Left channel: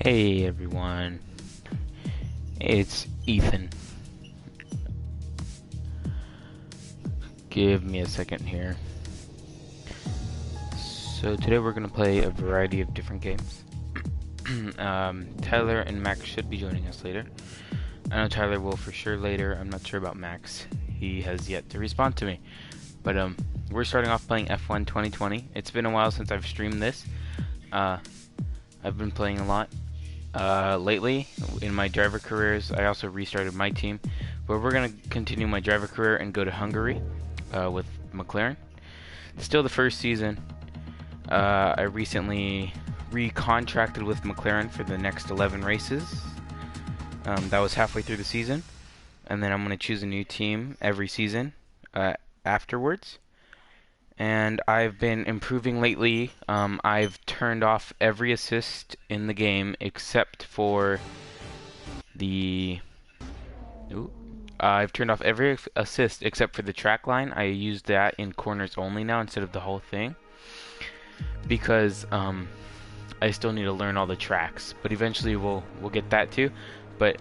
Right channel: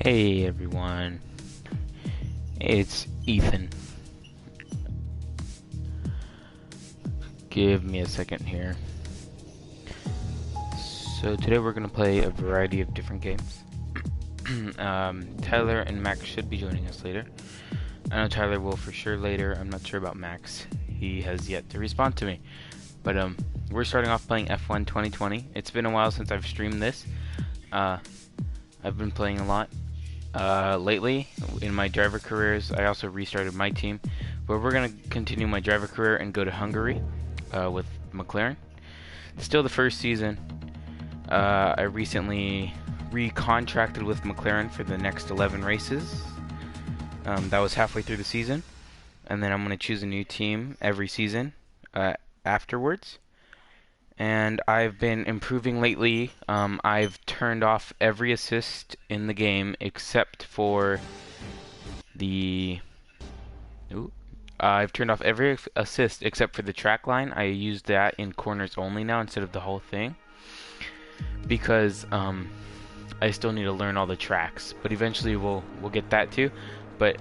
Hey everyone, it's Ethan. Give me a second here. So today we're gonna play a variety of different games. Tyler and Max should be joining us later. I know Tyler will for sure later. I'm not sure about Max. He has yet to respond to me. But we're starting off playing F1 2020. It's been a while since I've streamed this. I've been playing a lot. Lately, in my driver careers, I also restarted my team, but we're going to continue my driver career and go to Hungary with McLaren. Still the first season. I recently recontracted with McLaren for the next 11 races. That was halfway through the season, and then I'm going to choose a new team every season afterwards. And I've been improving lately. I've turned off every assist in the game except for the... I've turned off every assist except for the track line. I use that in corners only now instead of the whole thing. Because I still need to learn all the tracks. But eventually we'll get that too. But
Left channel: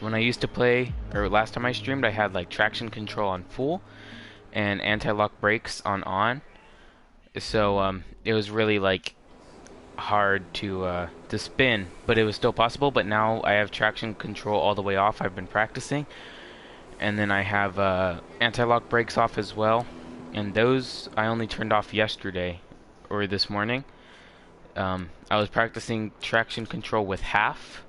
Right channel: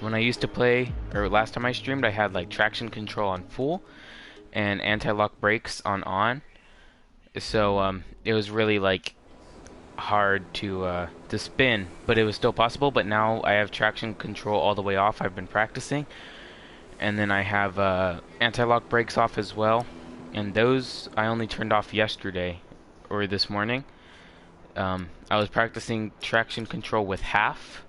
when I used to play, or last time I streamed, I had like traction control on full and anti-lock brakes on. So it was really like hard to spin, but it was still possible. But now I have traction control all the way off. I've been practicing, and then I have anti-lock brakes off as well, and those I only turned off yesterday or this morning. I was practicing traction control with half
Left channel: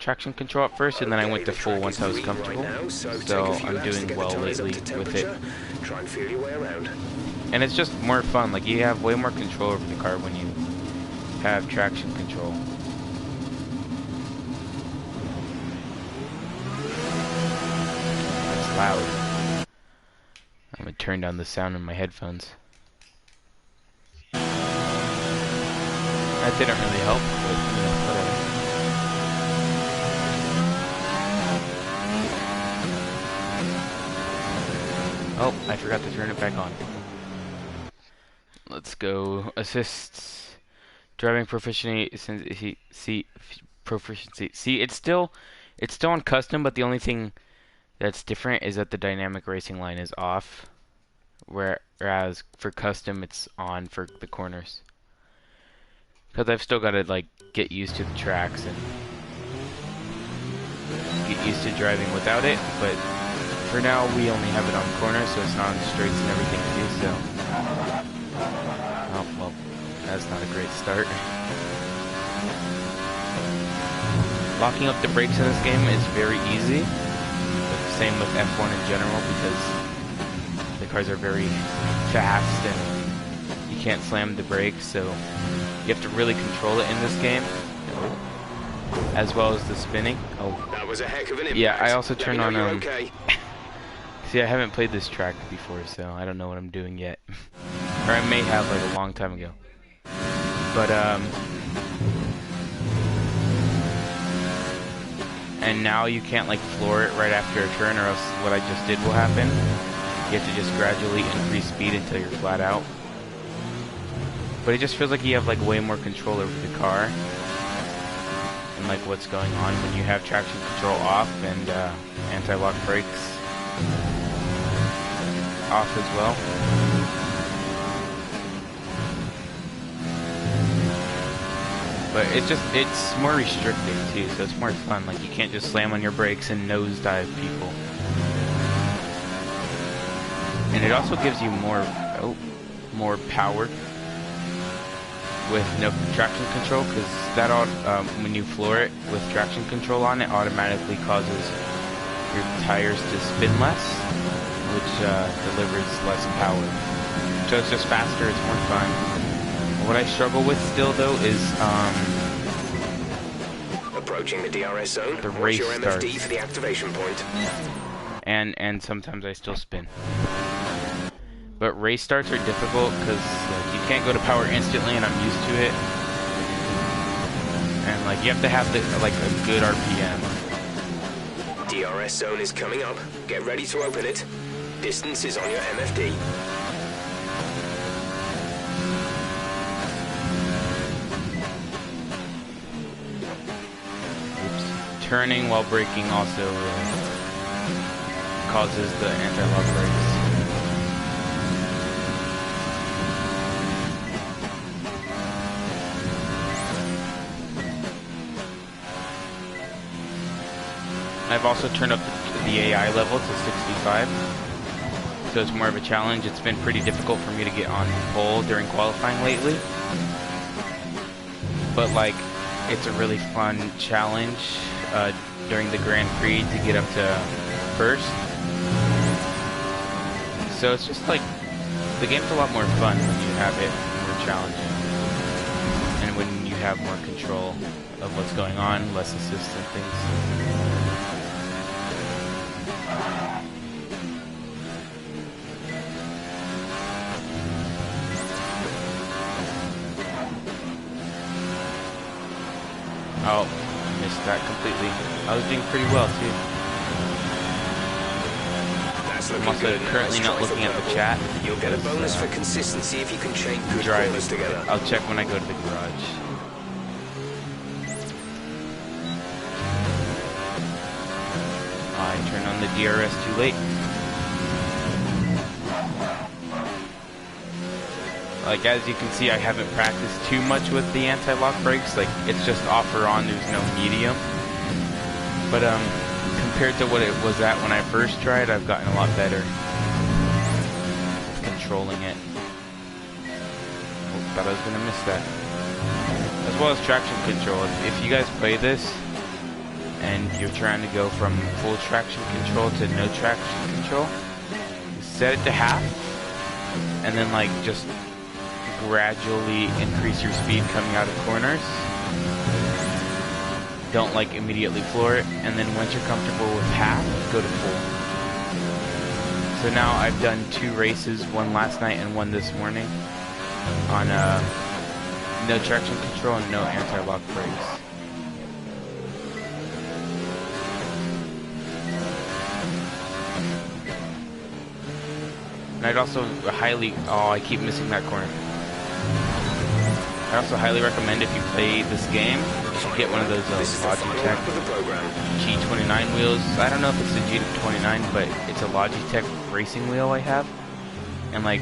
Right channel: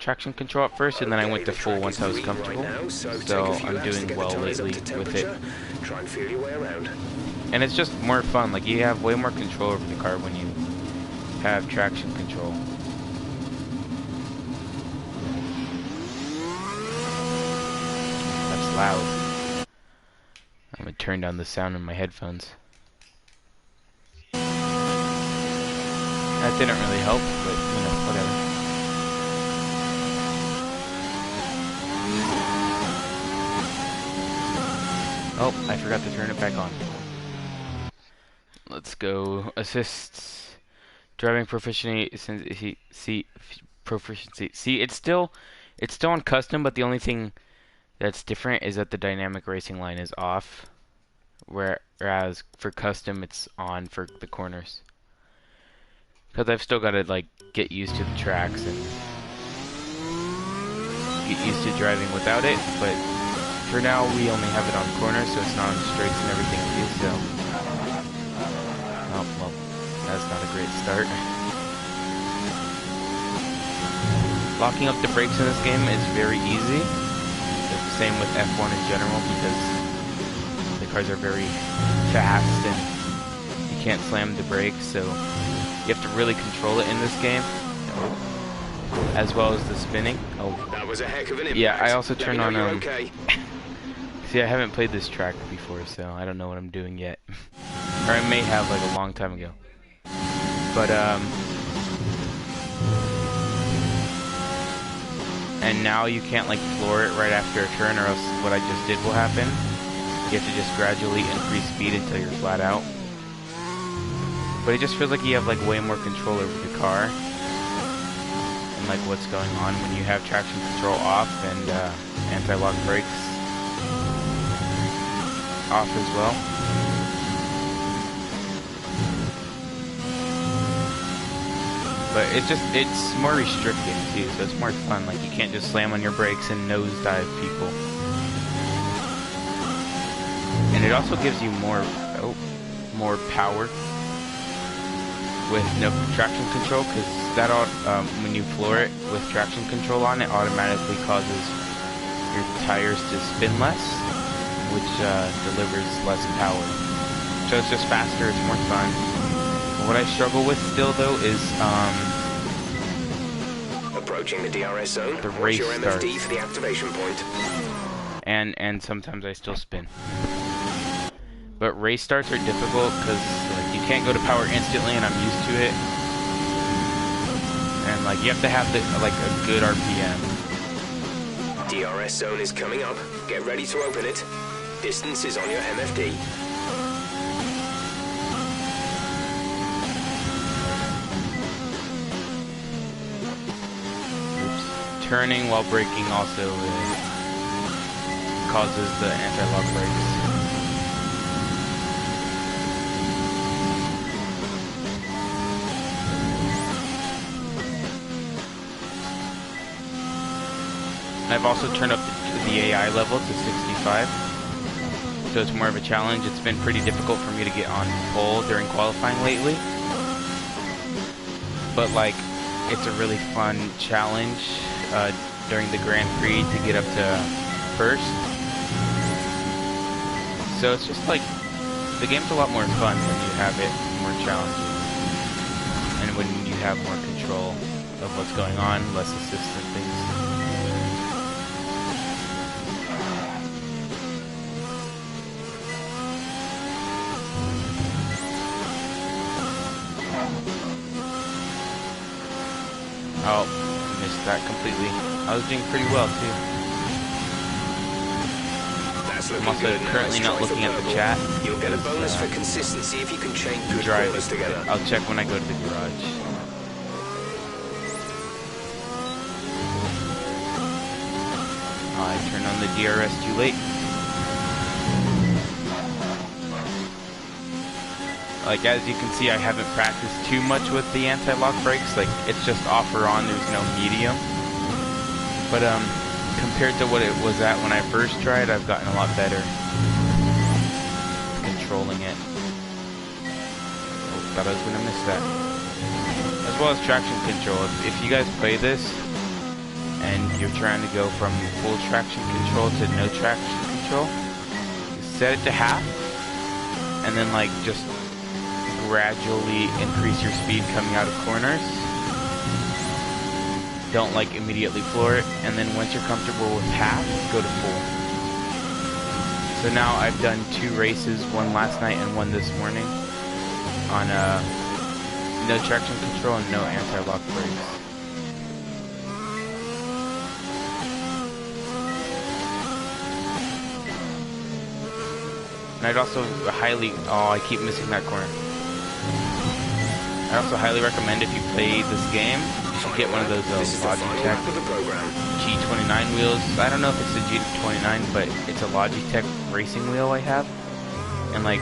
traction control at first, and then I went to full once I was comfortable. So I'm doing well lately with it. Try and feel your way around. And it's just more fun. Like, you have way more control over the car when you have traction control. That's loud. I'm gonna turn down the sound in my headphones. That didn't really help, but you know, whatever. Oh, I forgot to turn it back on. Let's go. Assists. Driving proficiency. Proficiency. See, it's still on custom, but the only thing that's different is that the dynamic racing line is off, whereas for custom it's on for the corners. Because I've still got to like get used to the tracks and get used to driving without it, but for now we only have it on corners, so it's not on straights and everything too, so... Oh, well, that's not a great start. Locking up the brakes in this game is very easy. The same with F1 in general, because the cars are very fast and you can't slam the brakes, so you have to really control it in this game. As well as the spinning. Oh, that was a heck of an impact. Yeah, I also turn on okay. See, I haven't played this track before, so I don't know what I'm doing yet. Or I may have like a long time ago. But and now you can't like floor it right after a turn, or else what I just did will happen. You have to just gradually increase speed until you're flat out. But it just feels like you have like way more control over the car and like what's going on when you have traction control off and anti-lock brakes off as well. But it's more restricting too, so it's more fun. Like, you can't just slam on your brakes and nosedive people. And it also gives you more power with no traction control, because that when you floor it with traction control on, it automatically causes your tires to spin less, which delivers less power. So it's just faster, it's more fun. What I struggle with still, though, is approaching the DRS zone. The race your MFD starts. for the activation point. And sometimes I still spin. But race starts are difficult because like you can't go to power instantly, and I'm used to it. And like you have to have like a good RPM. DRS zone is coming up. Get ready to open it. Distance is on your MFD. turning while braking also causes the anti-lock brakes. I've also turned up the AI level to 65, so it's more of a challenge. It's been pretty difficult for me to get on pole during qualifying lately, but like, it's a really fun challenge during the Grand Prix to get up to first. So it's just like, the game's a lot more fun when you have it more challenging, and when you have more control of what's going on, less assist and things. Oh, missed that completely. I was doing pretty well too. I'm also currently not looking at the chat. You'll get a bonus for consistency if you can chain good corners together. I'll check when I go to the garage. I turned on the DRS too late. Like, as you can see, I haven't practiced too much with the anti-lock brakes. Like, it's just off or on, there's no medium. But compared to what it was at when I first tried, I've gotten a lot better controlling it. Oh, thought I was gonna miss that. As well as traction control. If you guys play this and you're trying to go from full traction control to no traction control, you set it to half, and then like just gradually increase your speed coming out of corners. Don't like immediately floor it, and then once you're comfortable with half, go to full. So now I've done 2 races, one last night and one this morning, on no traction control and no anti-lock brakes. And I'd also I keep missing that corner. I also highly recommend, if you play this game, you should get one of those Logitech G29 wheels. I don't know if it's the G29, but it's a Logitech racing wheel I have, and like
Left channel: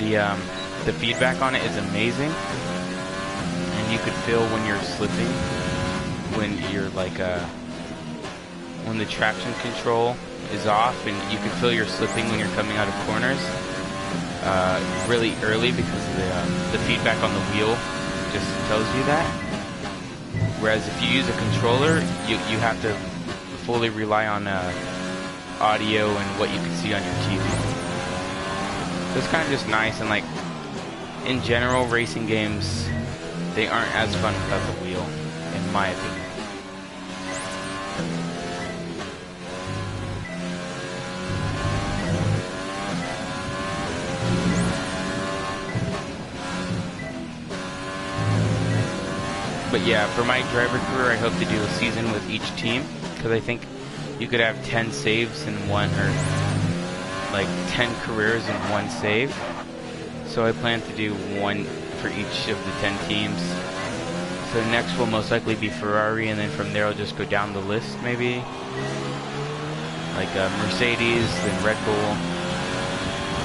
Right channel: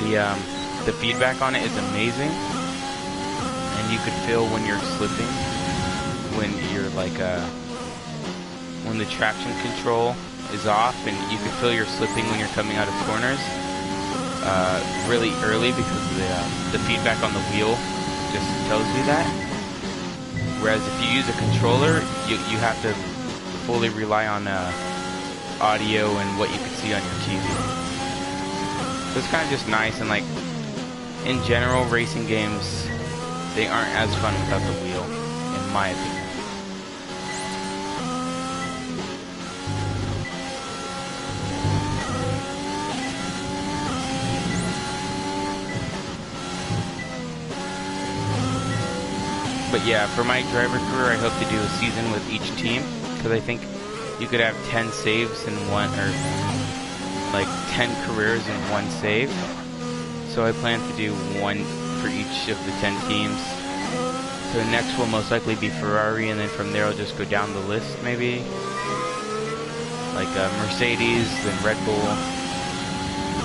the feedback on it is amazing, and you could feel when you're slipping, when you're like when the traction control is off, and you can feel you're slipping when you're coming out of corners really early, because the feedback on the wheel just tells you that. Whereas if you use a controller, you have to fully rely on audio and what you can see on your TV. So it's kind of just nice, and like, in general, racing games, they aren't as fun without the wheel, in my opinion. But yeah, for my driver career, I hope to do a season with each team, because I think you could have 10 saves in one, or like 10 careers in one save. So I plan to do one for each of the 10 teams. So next will most likely be Ferrari, and then from there I'll just go down the list, maybe. Like Mercedes, then Red Bull.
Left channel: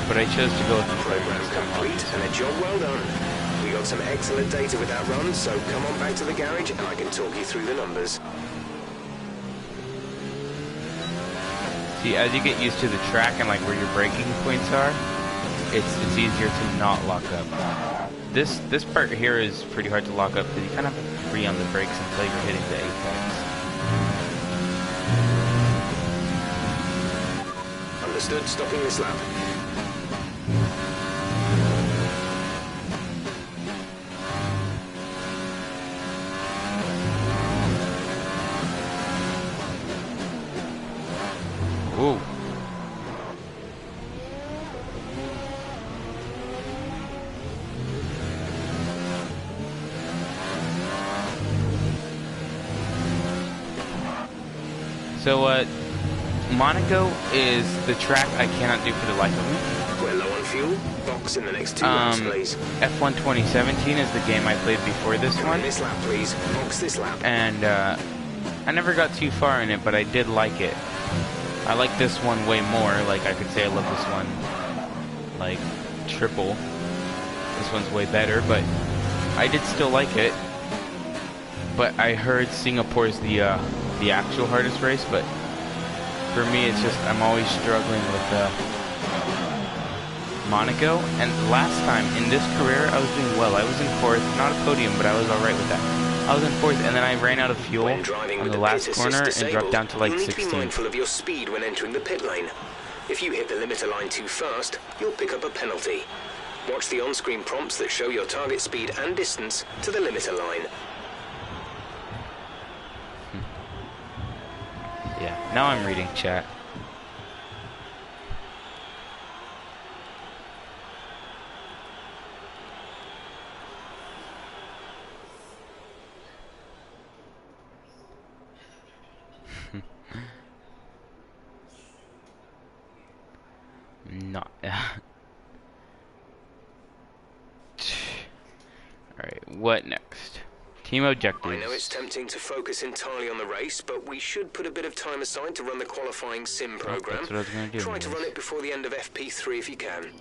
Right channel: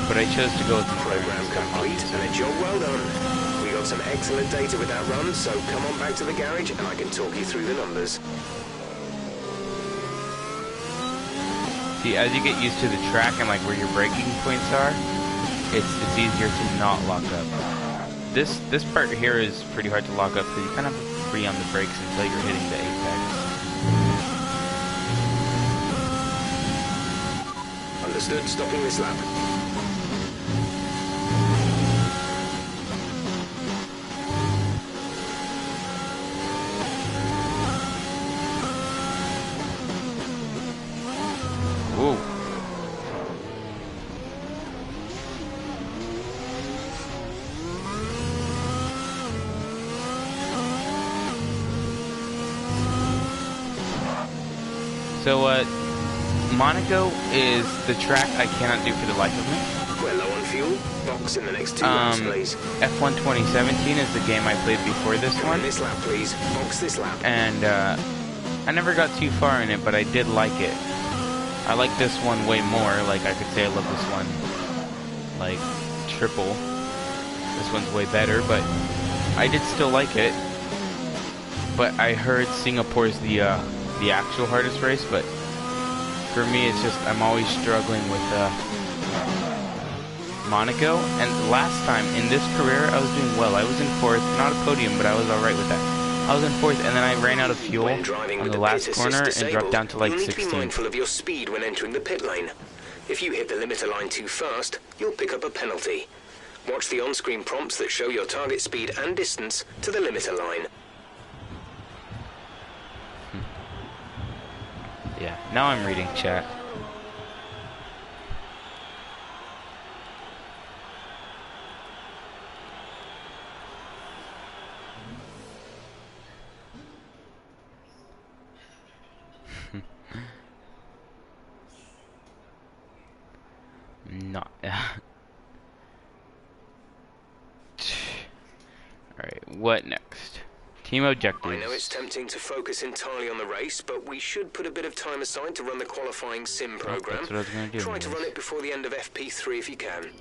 But I chose to go with the program complete, and a job well done. We got some excellent data with that run, so come on back to the garage and I can talk you through the numbers. See, as you get used to the track and like where your braking points are, it's easier to not lock up. This part here is pretty hard to lock up, because you kind of have to free on the brakes until you're hitting the apex. Understood, stopping this lap. Ooh. So, Monaco is the track I cannot do for the life of me. We're low on fuel. Box in the next 2 laps, please. F1 2017 is the game I played before this one. This lap, please. Box this lap. And I never got too far in it, but I did like it. I like this one way more. Like, I could say I love this one, like, triple. This one's way better, but I did still like it. But I heard Singapore's the actual hardest race, but for me, it's just, I'm always struggling with, Monaco. And last time, in this career, I was doing well. I was in 4th, not a podium, but I was alright with that. I was in 4th, and then I ran out of fuel on the last corner and dropped down to like 16th. You need to be mindful of your speed when entering the pit lane. If you hit the limiter line too fast, you'll pick up a penalty. Watch the on-screen prompts that show your target speed and distance to the limiter line. Yeah, now I'm reading chat. Not. Alright, what next? Team objectives. I know it's tempting to focus entirely on the race, but we should put a bit of time aside to run the qualifying sim program. That's what I was gonna do. Try to run it before the end of FP3 if you can.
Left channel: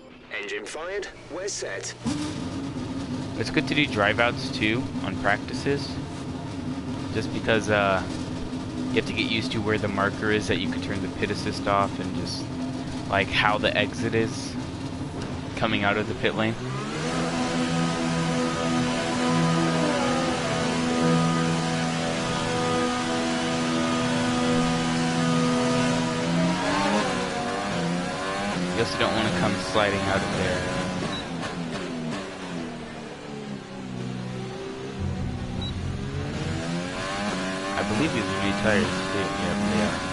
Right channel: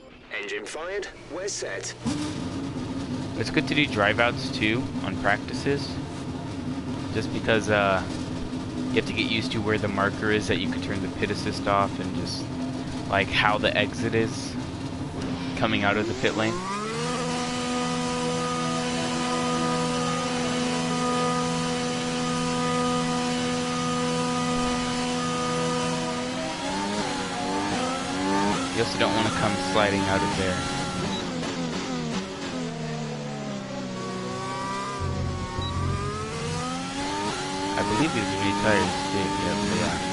Engine fired, we're set. It's good to do drive outs too on practices, just because you have to get used to where the marker is that you can turn the pit assist off, and just like how the exit is coming out of the pit lane. You also don't want to come sliding out of there. I believe these are new tires too. Yep, they are.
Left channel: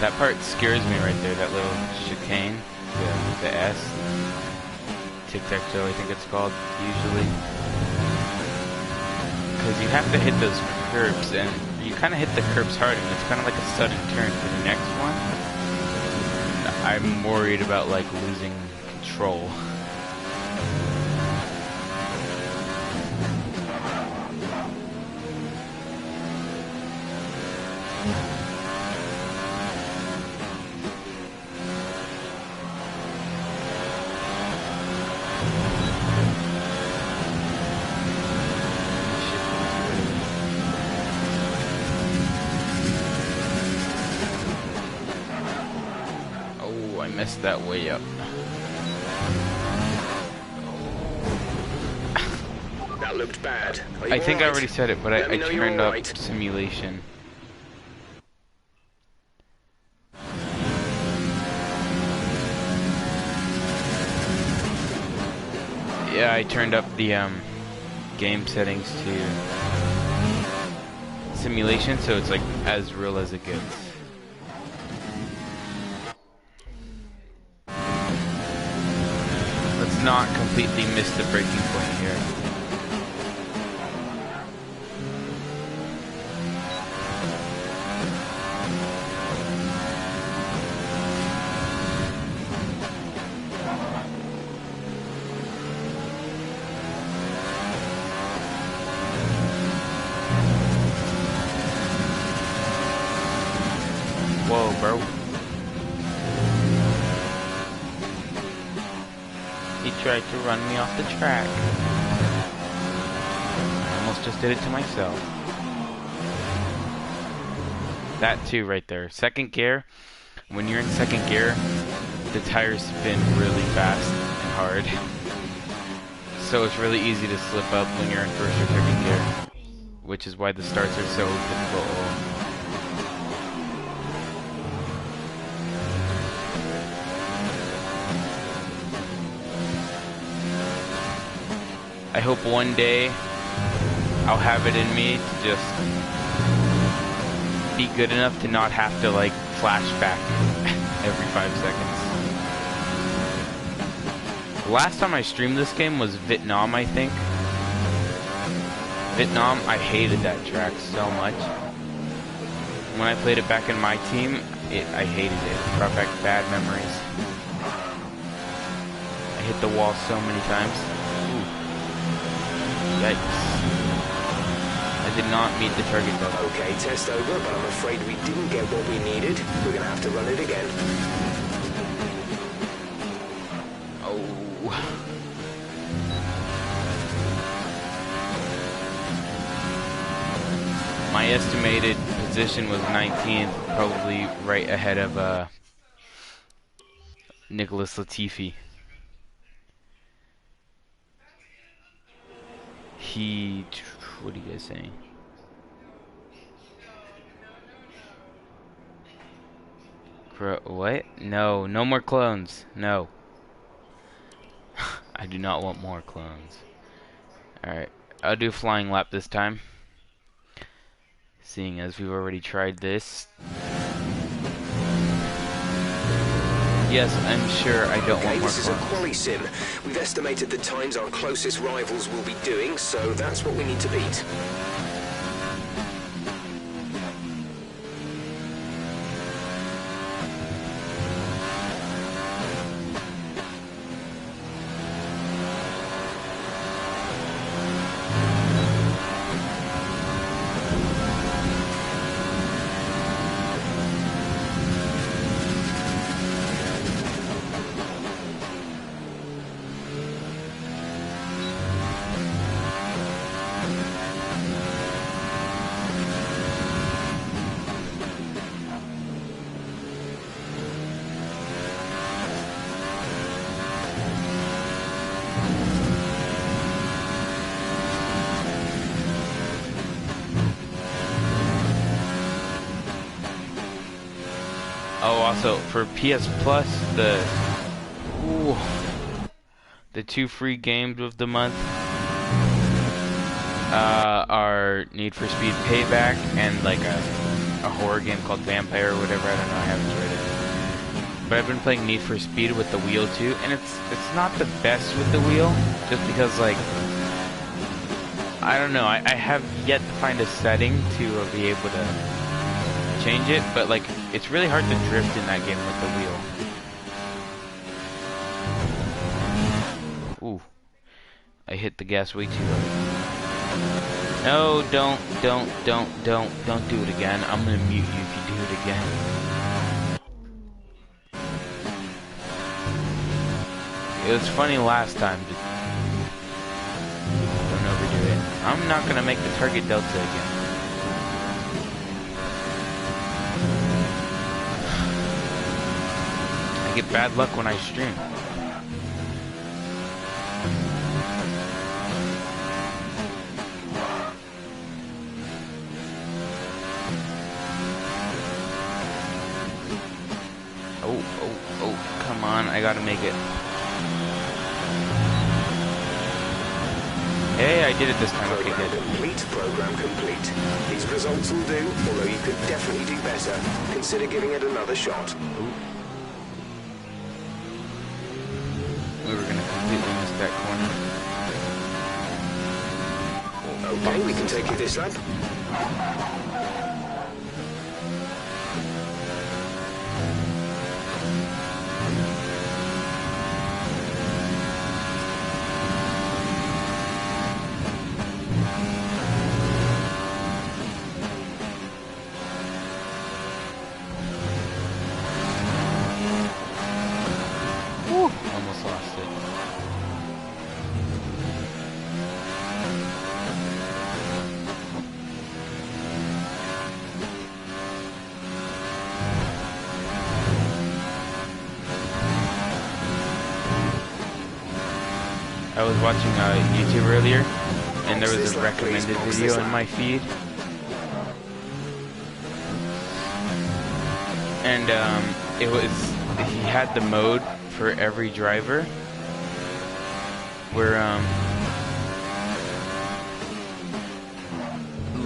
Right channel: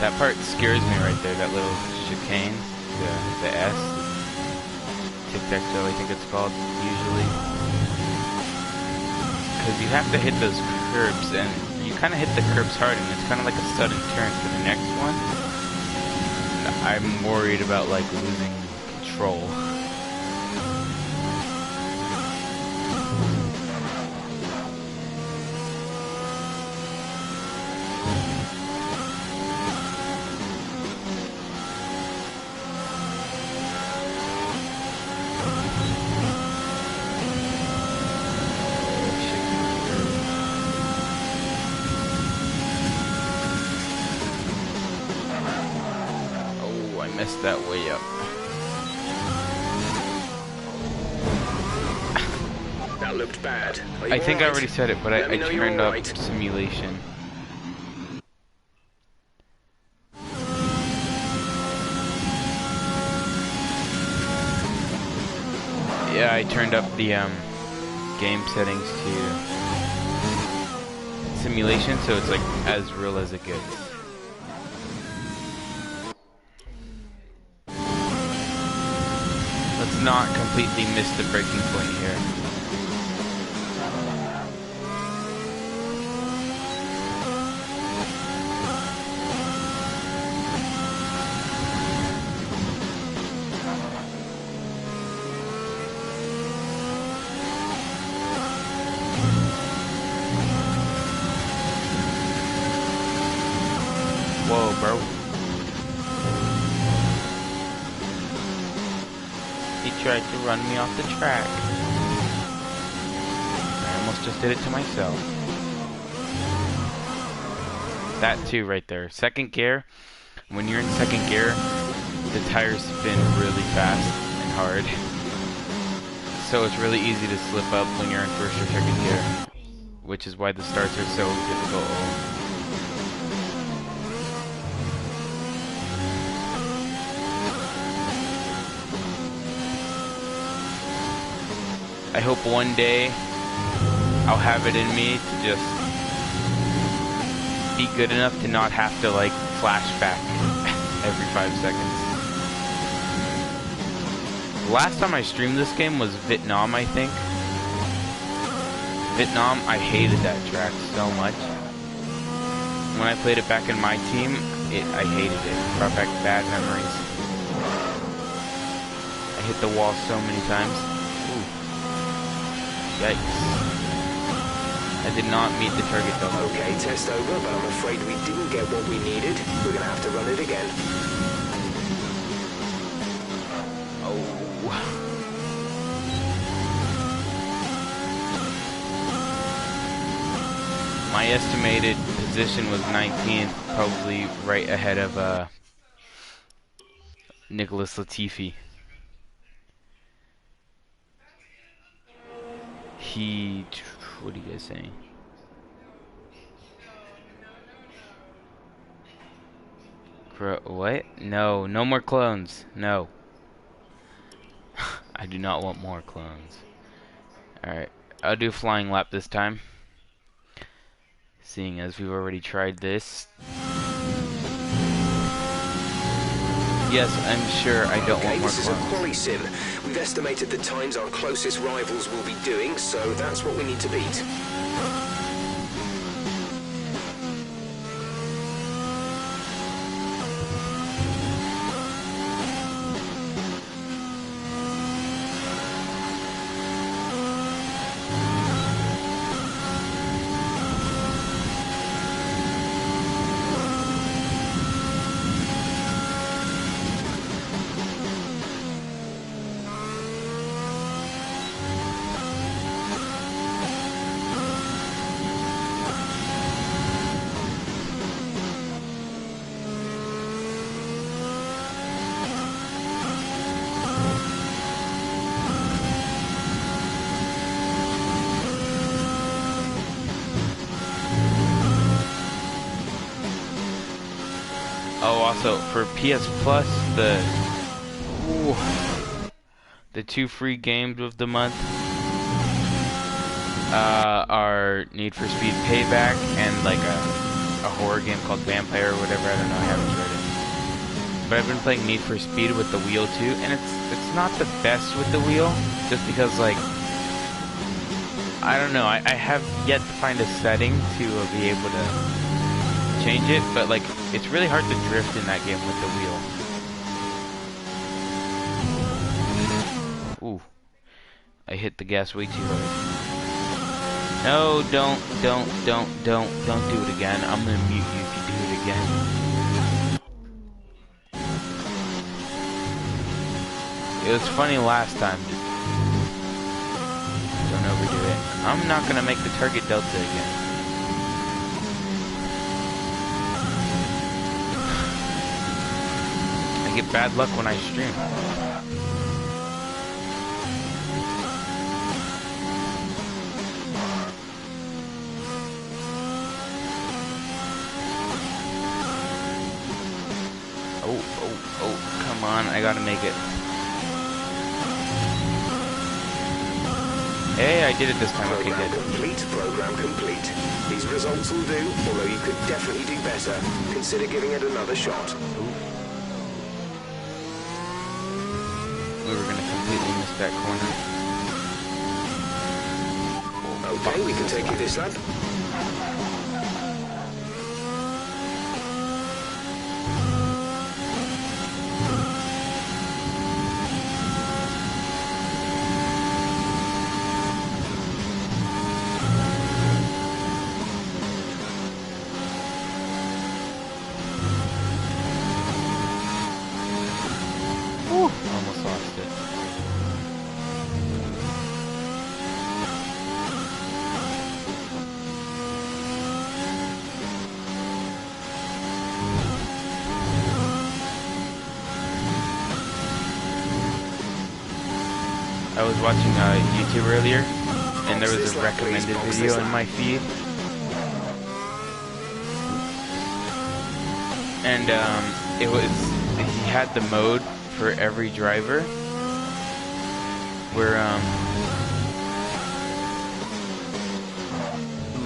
That part scares me right there, that little chicane, the S, tic-tac-toe I think it's called, usually. Because you have to hit those curbs, and you kind of hit the curbs hard, and it's kind of like a sudden turn for the next one. And I'm worried about like losing control. Messed that way up. That looked bad. I think I already said it, but I turned up right. simulation. Yeah, I turned up the game settings to simulation, so it's like as real as it gets. Let's not completely miss the breaking point here. Whoa, bro. He tried to run me off the track. I almost just did it to myself. That too right there. Second gear. When you're in second gear, the tires spin really fast and hard. So it's really easy to slip up when you're in first or second gear, which is why the starts are so difficult. I hope one day I'll have it in me to just be good enough to not have to like flash back every 5 seconds. Last time I streamed this game was Vietnam, I think. Vietnam, I hated that track so much. When I played it back in my team, I hated it. It brought back bad memories. I hit the wall so many times. Ooh. Yikes. I did not meet the target though. Okay, test over, but I'm afraid we didn't get what we needed. We're gonna have to run it again. Oh. My estimated position was 19th, probably right ahead of Nicholas Latifi. What are you guys saying? What? No, no more clones. No. I do not want more clones. Alright, I'll do flying lap this time. Seeing as we've already tried this. Yes, I'm sure I don't want more clones. This is a quali sim. We've estimated the times our closest rivals will be doing, so that's what we need to beat. Oh, also for PS Plus, the 2 free games of the month are Need for Speed Payback and like a horror game called Vampire or whatever. I don't know. I haven't tried it, but I've been playing Need for Speed with the wheel too, and it's not the best with the wheel, just because like I don't know. I have yet to find a setting to be able to change it, but like it's really hard to drift in that game with the wheel. Ooh, I hit the gas way too hard. No, don't do it again. I'm gonna mute you if you do it again. It was funny last time. Don't overdo it. I'm not gonna make the target delta again. I get bad luck when I stream. Oh, come on, I gotta make it. Hey, I did it this time. Okay, good. Program complete. These results will do, although you could definitely do better. Consider giving it another shot. Ooh. We were gonna completely miss that corner. Okay, we can take you this lap. Almost lost it. I was watching YouTube earlier, and there was a recommended video in my feed. And it was, he had the mode for every driver where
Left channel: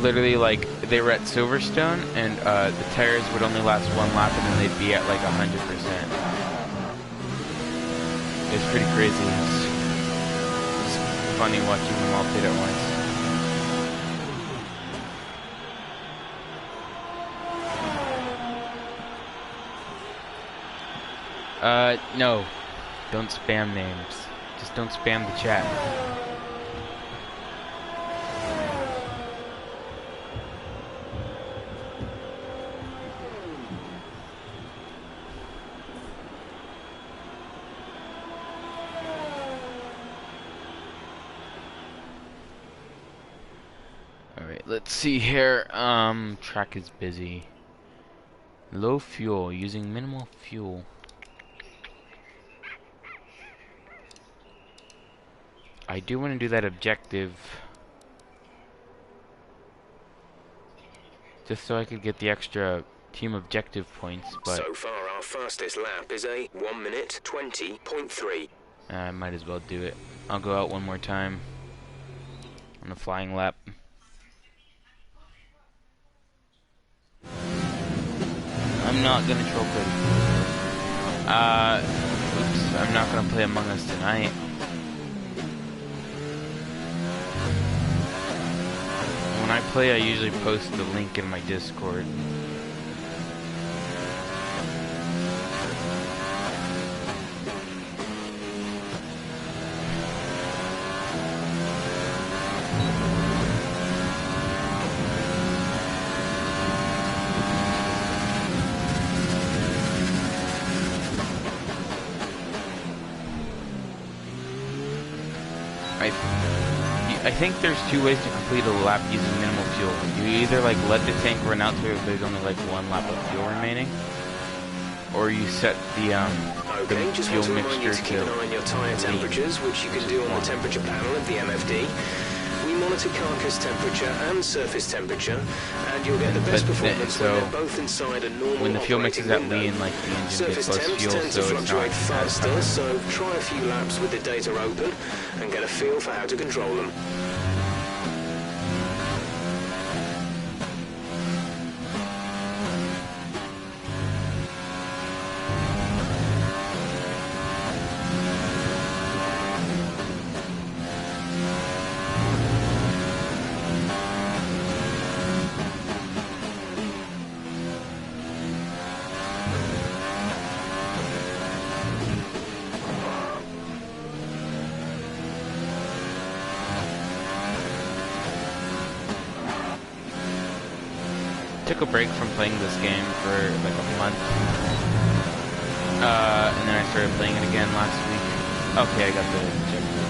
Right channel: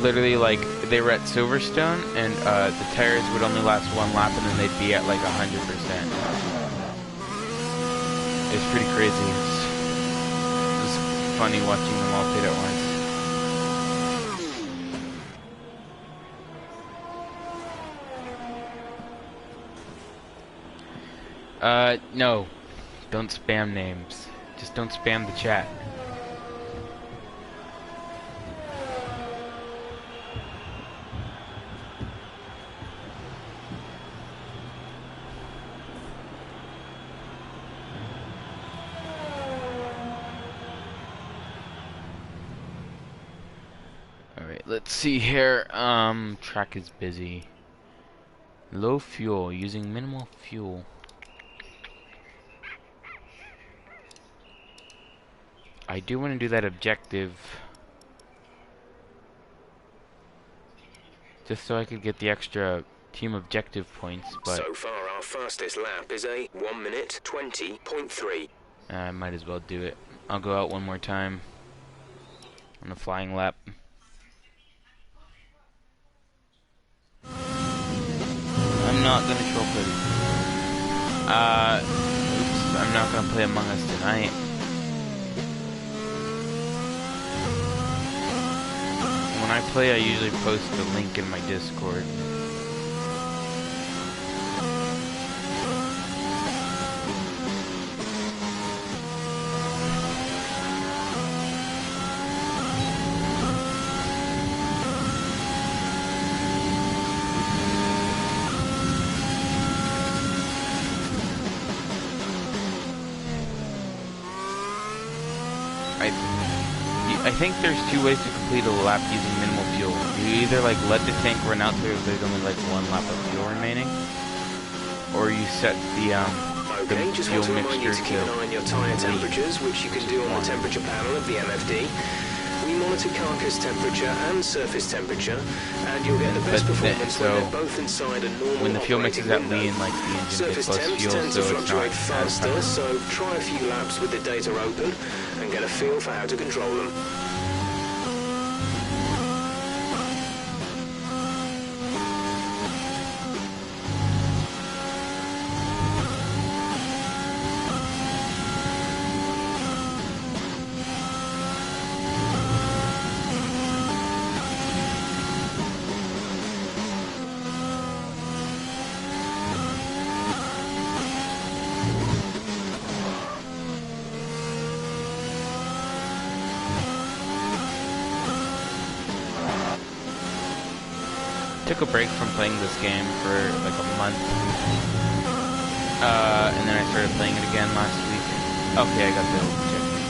literally like they were at Silverstone, and the tires would only last one lap, and then they'd be at like 100%. It's pretty crazy. It's funny watching them all pit at once. No. Don't spam names. Just don't spam the chat. Alright, let's see here. Track is busy. Low fuel, using minimal fuel. I do want to do that objective just so I could get the extra team objective points, but so far our fastest lap is a 1 minute 20.3. I might as well do it. I'll go out one more time on a flying lap. I'm not gonna troll Cody. Oops, I'm not gonna play Among Us tonight. When I play, I usually post the link in my Discord. I think there's two ways to complete a lap using minimal fuel. You either like let the tank run out to there's only like one lap of fuel remaining, or you set the just fuel want to remind you mixture to keep an eye on your tyre temperatures, which you can do on the temperature panel of the MFD. We monitor carcass temperature and surface temperature, and you'll get the best performance when they're both inside a normal when the fuel mixes window. at lean, like the engine gets Surface less temps fuel, tend so to it's fluctuate not faster, so try a few laps with the data open and get a feel for how to control them. Took a break from playing this game for like a month, and then I started playing it again last week. Okay, I got the objective.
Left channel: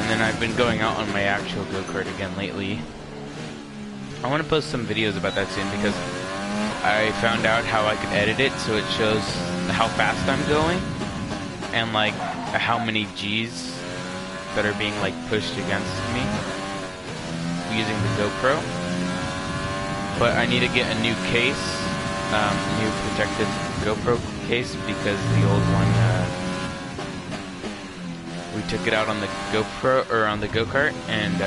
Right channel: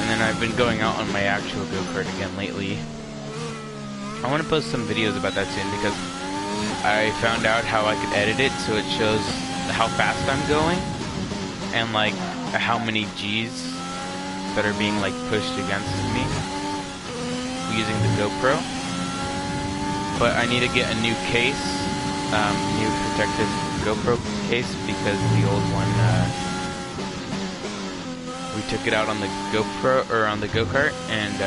And then I've been going out on my actual go-kart again lately. I want to post some videos about that soon because I found out how I could edit it so it shows how fast I'm going and like how many G's that are being like pushed against me using the GoPro. But I need to get a new case, new protective GoPro case, because the old one, we took it out on the GoPro, or on the go-kart, and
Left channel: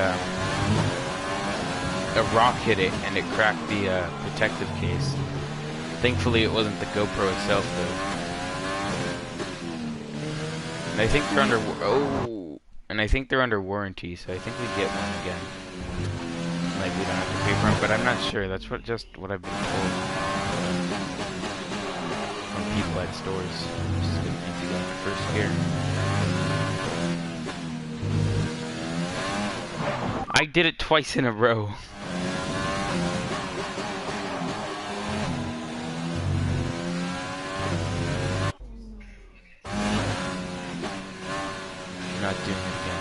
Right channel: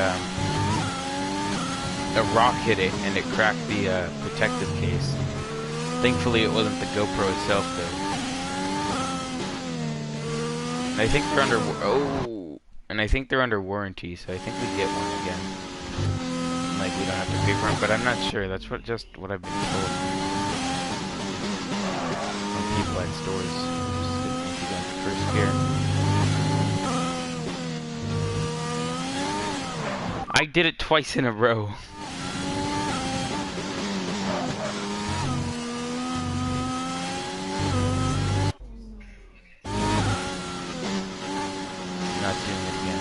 a rock hit it, and it cracked the protective case. Thankfully it wasn't the GoPro itself, though. And I think they're under, warranty, so I think we get one again. Like, we don't have to pay for them, but I'm not sure. That's just what I've been told from people at stores. Just didn't need to go into first gear. I did it twice in a row. I'm not doing it again.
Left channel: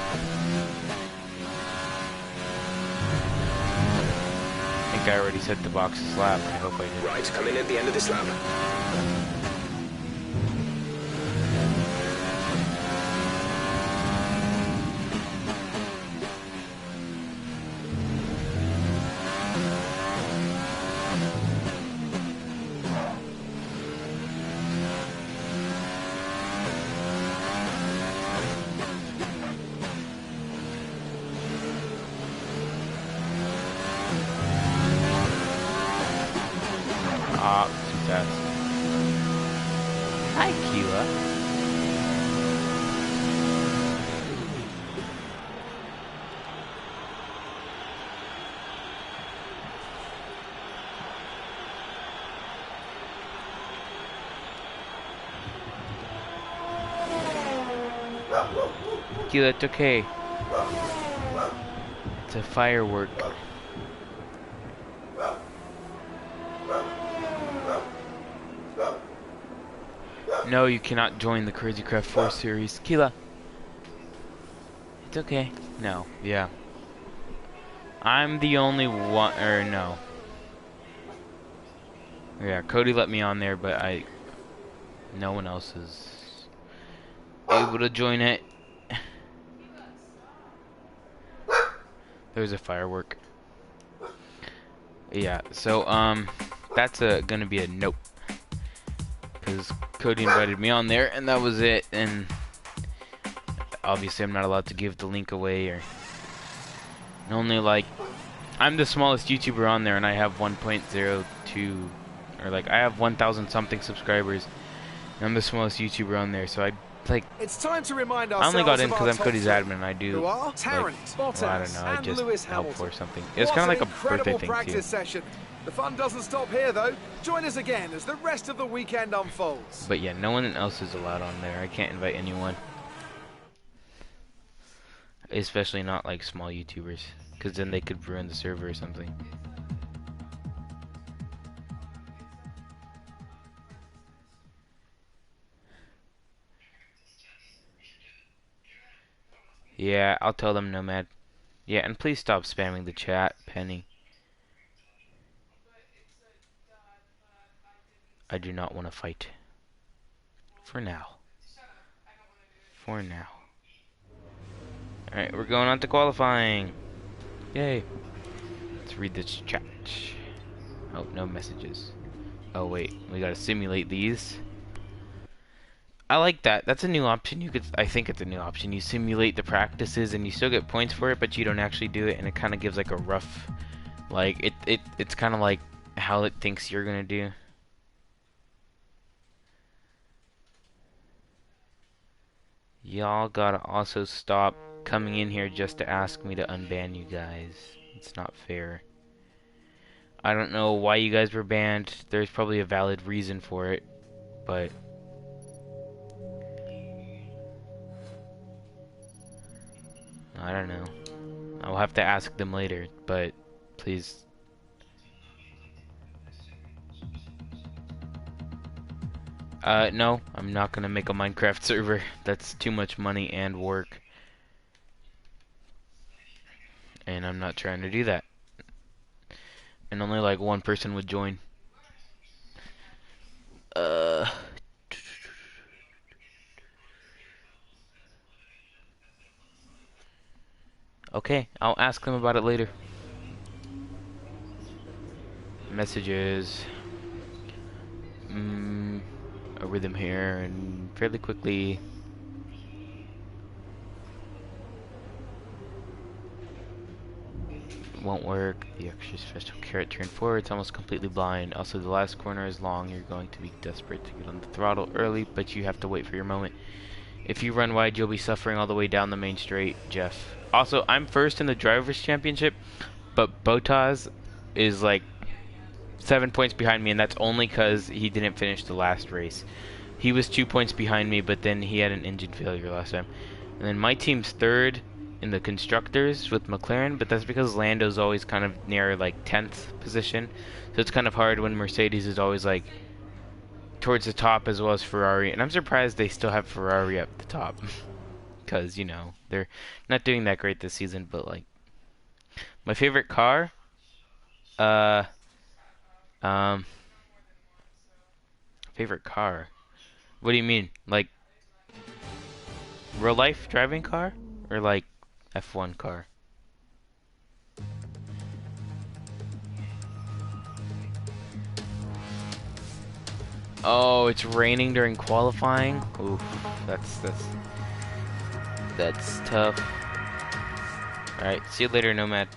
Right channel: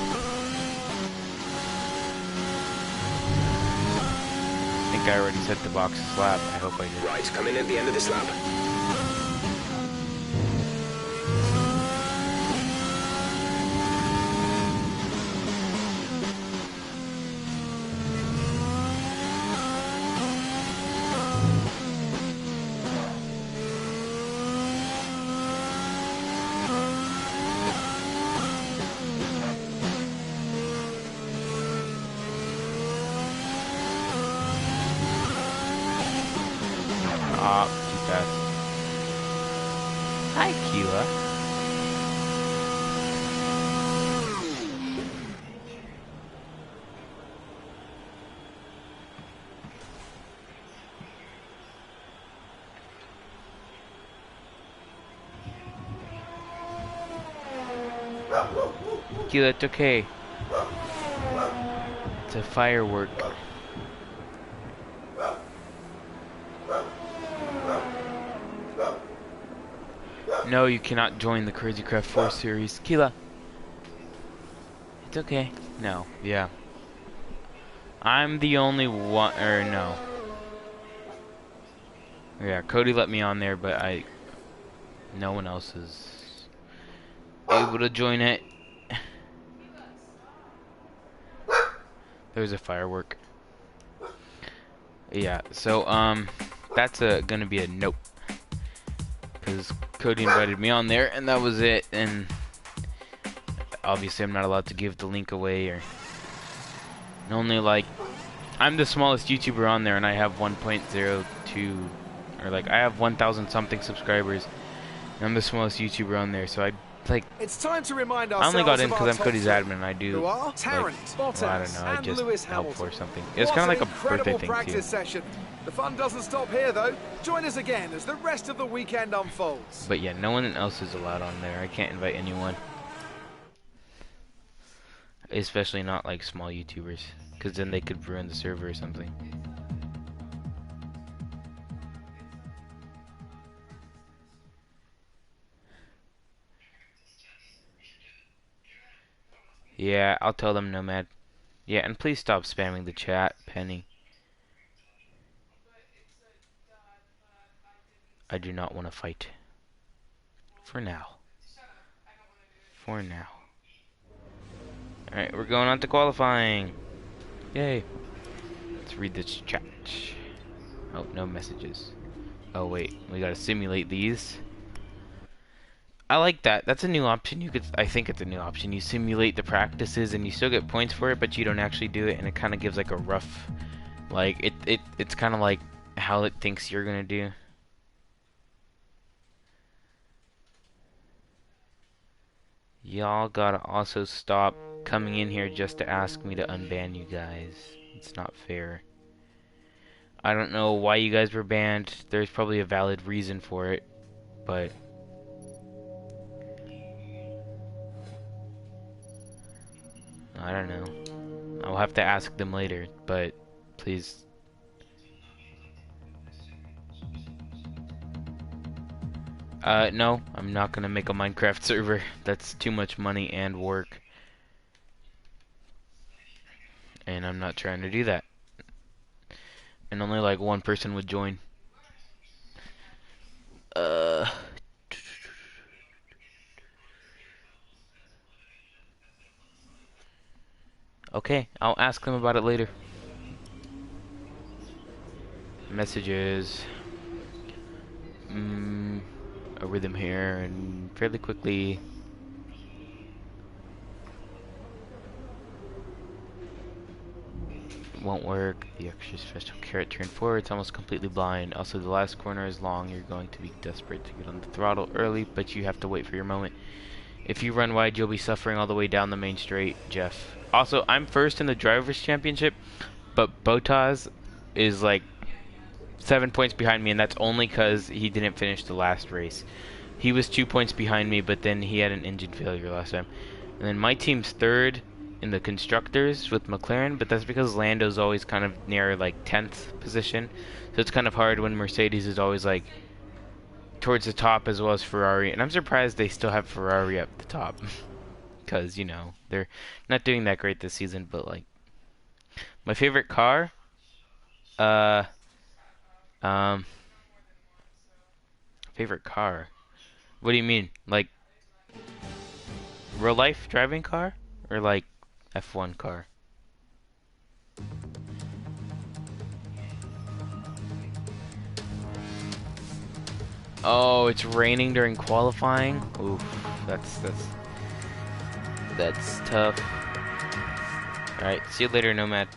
I think I already set the box's lap. I hope I did. Right, come in at the end of this lap. fast. Hi, Keela. Keela, it's okay. It's a firework. No, you cannot join the Crazy Craft 4 series. Keela. It's okay. No, yeah. I'm the only one, or no. Yeah, Cody let me on there, but no one else is able to join it. There's a firework. Yeah, so, that's gonna be a nope. Because Cody invited me on there, and that was it, and obviously I'm not allowed to give the link away, or only, like, I'm the smallest YouTuber on there, and I have 1.02, or, like, I have 1,000 something subscribers, and I'm the smallest YouTuber on there, so it's time to remind I ourselves only got in of because our I'm top Cody's three, admin, and I do, who are like, Tarrant, well, I don't Bottas, know, I and just Lewis help Hamilton. for something. It's What kind of an like a birthday incredible thing, practice too. session. The fun doesn't stop here, though. Join us again as the rest of the weekend unfolds. But yeah, no one else is allowed on there. I can't invite anyone. Especially not, like, small YouTubers. Because then they could ruin the server or something. Yeah, I'll tell them, Nomad. Yeah, and please stop spamming the chat, Penny. I do not want to fight. For now. For now. Alright, we're going on to qualifying. Yay. Let's read this chat. Oh, no messages. Oh, wait. We gotta simulate these. I like that. That's a new option. I think it's a new option. You simulate the practices and you still get points for it, but you don't actually do it, and it kind of gives like a rough, like it's kind of like how it thinks you're gonna do. Y'all gotta also stop coming in here just to ask me to unban you guys. It's not fair. I don't know why you guys were banned. There's probably a valid reason for it, but I don't know. I'll have to ask them later, but please. No, I'm not gonna make a Minecraft server. That's too much money and work. And I'm not trying to do that. And only like one person would join. Okay, I'll ask them about it later. Messages. A rhythm here, and fairly quickly. Won't work. The extra special carrot turn forward. It's almost completely blind. Also, the last corner is long. You're going to be desperate to get on the throttle early, but you have to wait for your moment. If you run wide, you'll be suffering all the way down the main straight, Jeff. Also, I'm first in the Drivers' Championship, but Bottas is like 7 points behind me, and that's only because he didn't finish the last race. He was 2 points behind me, but then he had an engine failure last time. And then my team's third in the constructors with McLaren, but that's because Lando's always kind of near like 10th position. So it's kind of hard when Mercedes is always like towards the top as well as Ferrari. And I'm surprised they still have Ferrari up the top. Because, you know, they're not doing that great this season, but like my favorite car, favorite car. What do you mean? Like real life driving car? Or like F1 car? Oh, it's raining during qualifying? Oof, that's tough. Alright, see you later, Nomad.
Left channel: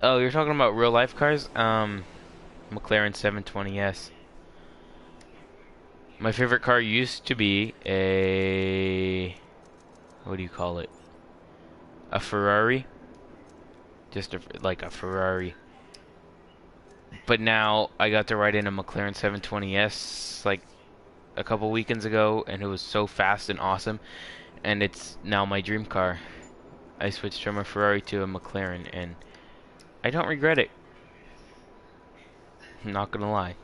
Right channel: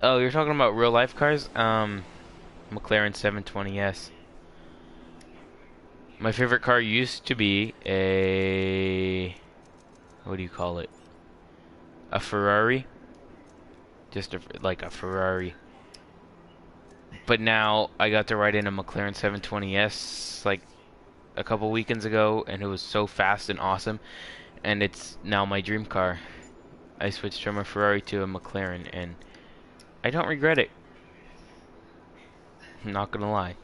Oh, you're talking about real life cars? McLaren 720S. My favorite car used to be a... what do you call it? A Ferrari. Just like a Ferrari. But now I got to ride in a McLaren 720S like a couple weekends ago, and it was so fast and awesome, and it's now my dream car. I switched from a Ferrari to a McLaren, and I don't regret it. I'm not gonna lie.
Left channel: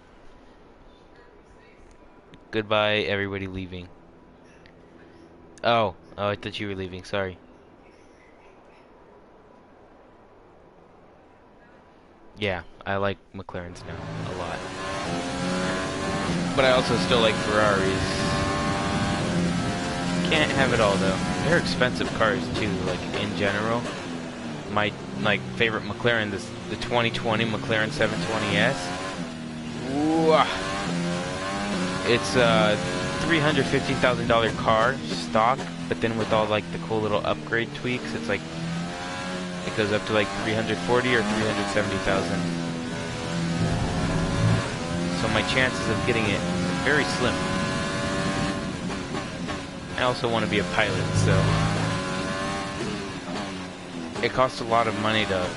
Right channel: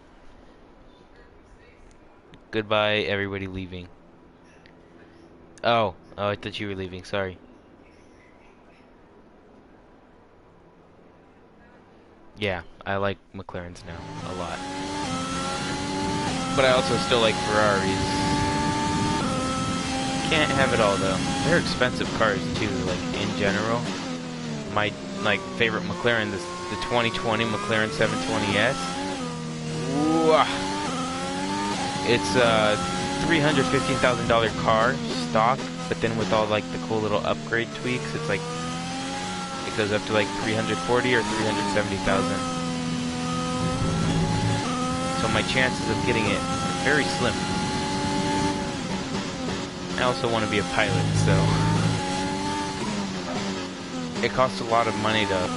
Goodbye, everybody leaving. Oh, I thought you were leaving, sorry. Yeah, I like McLarens now a lot. But I also still like Ferraris. Can't have it all though. They're expensive cars too, like in general. My favorite McLaren, the 2020 McLaren 720S. Ooh, it's a $315,000 car, stock, but then with all like the cool little upgrade tweaks, it's like it goes up to like 340 or 370,000. So my chances of getting it are very slim. I also want to be a pilot, so it costs a lot of money to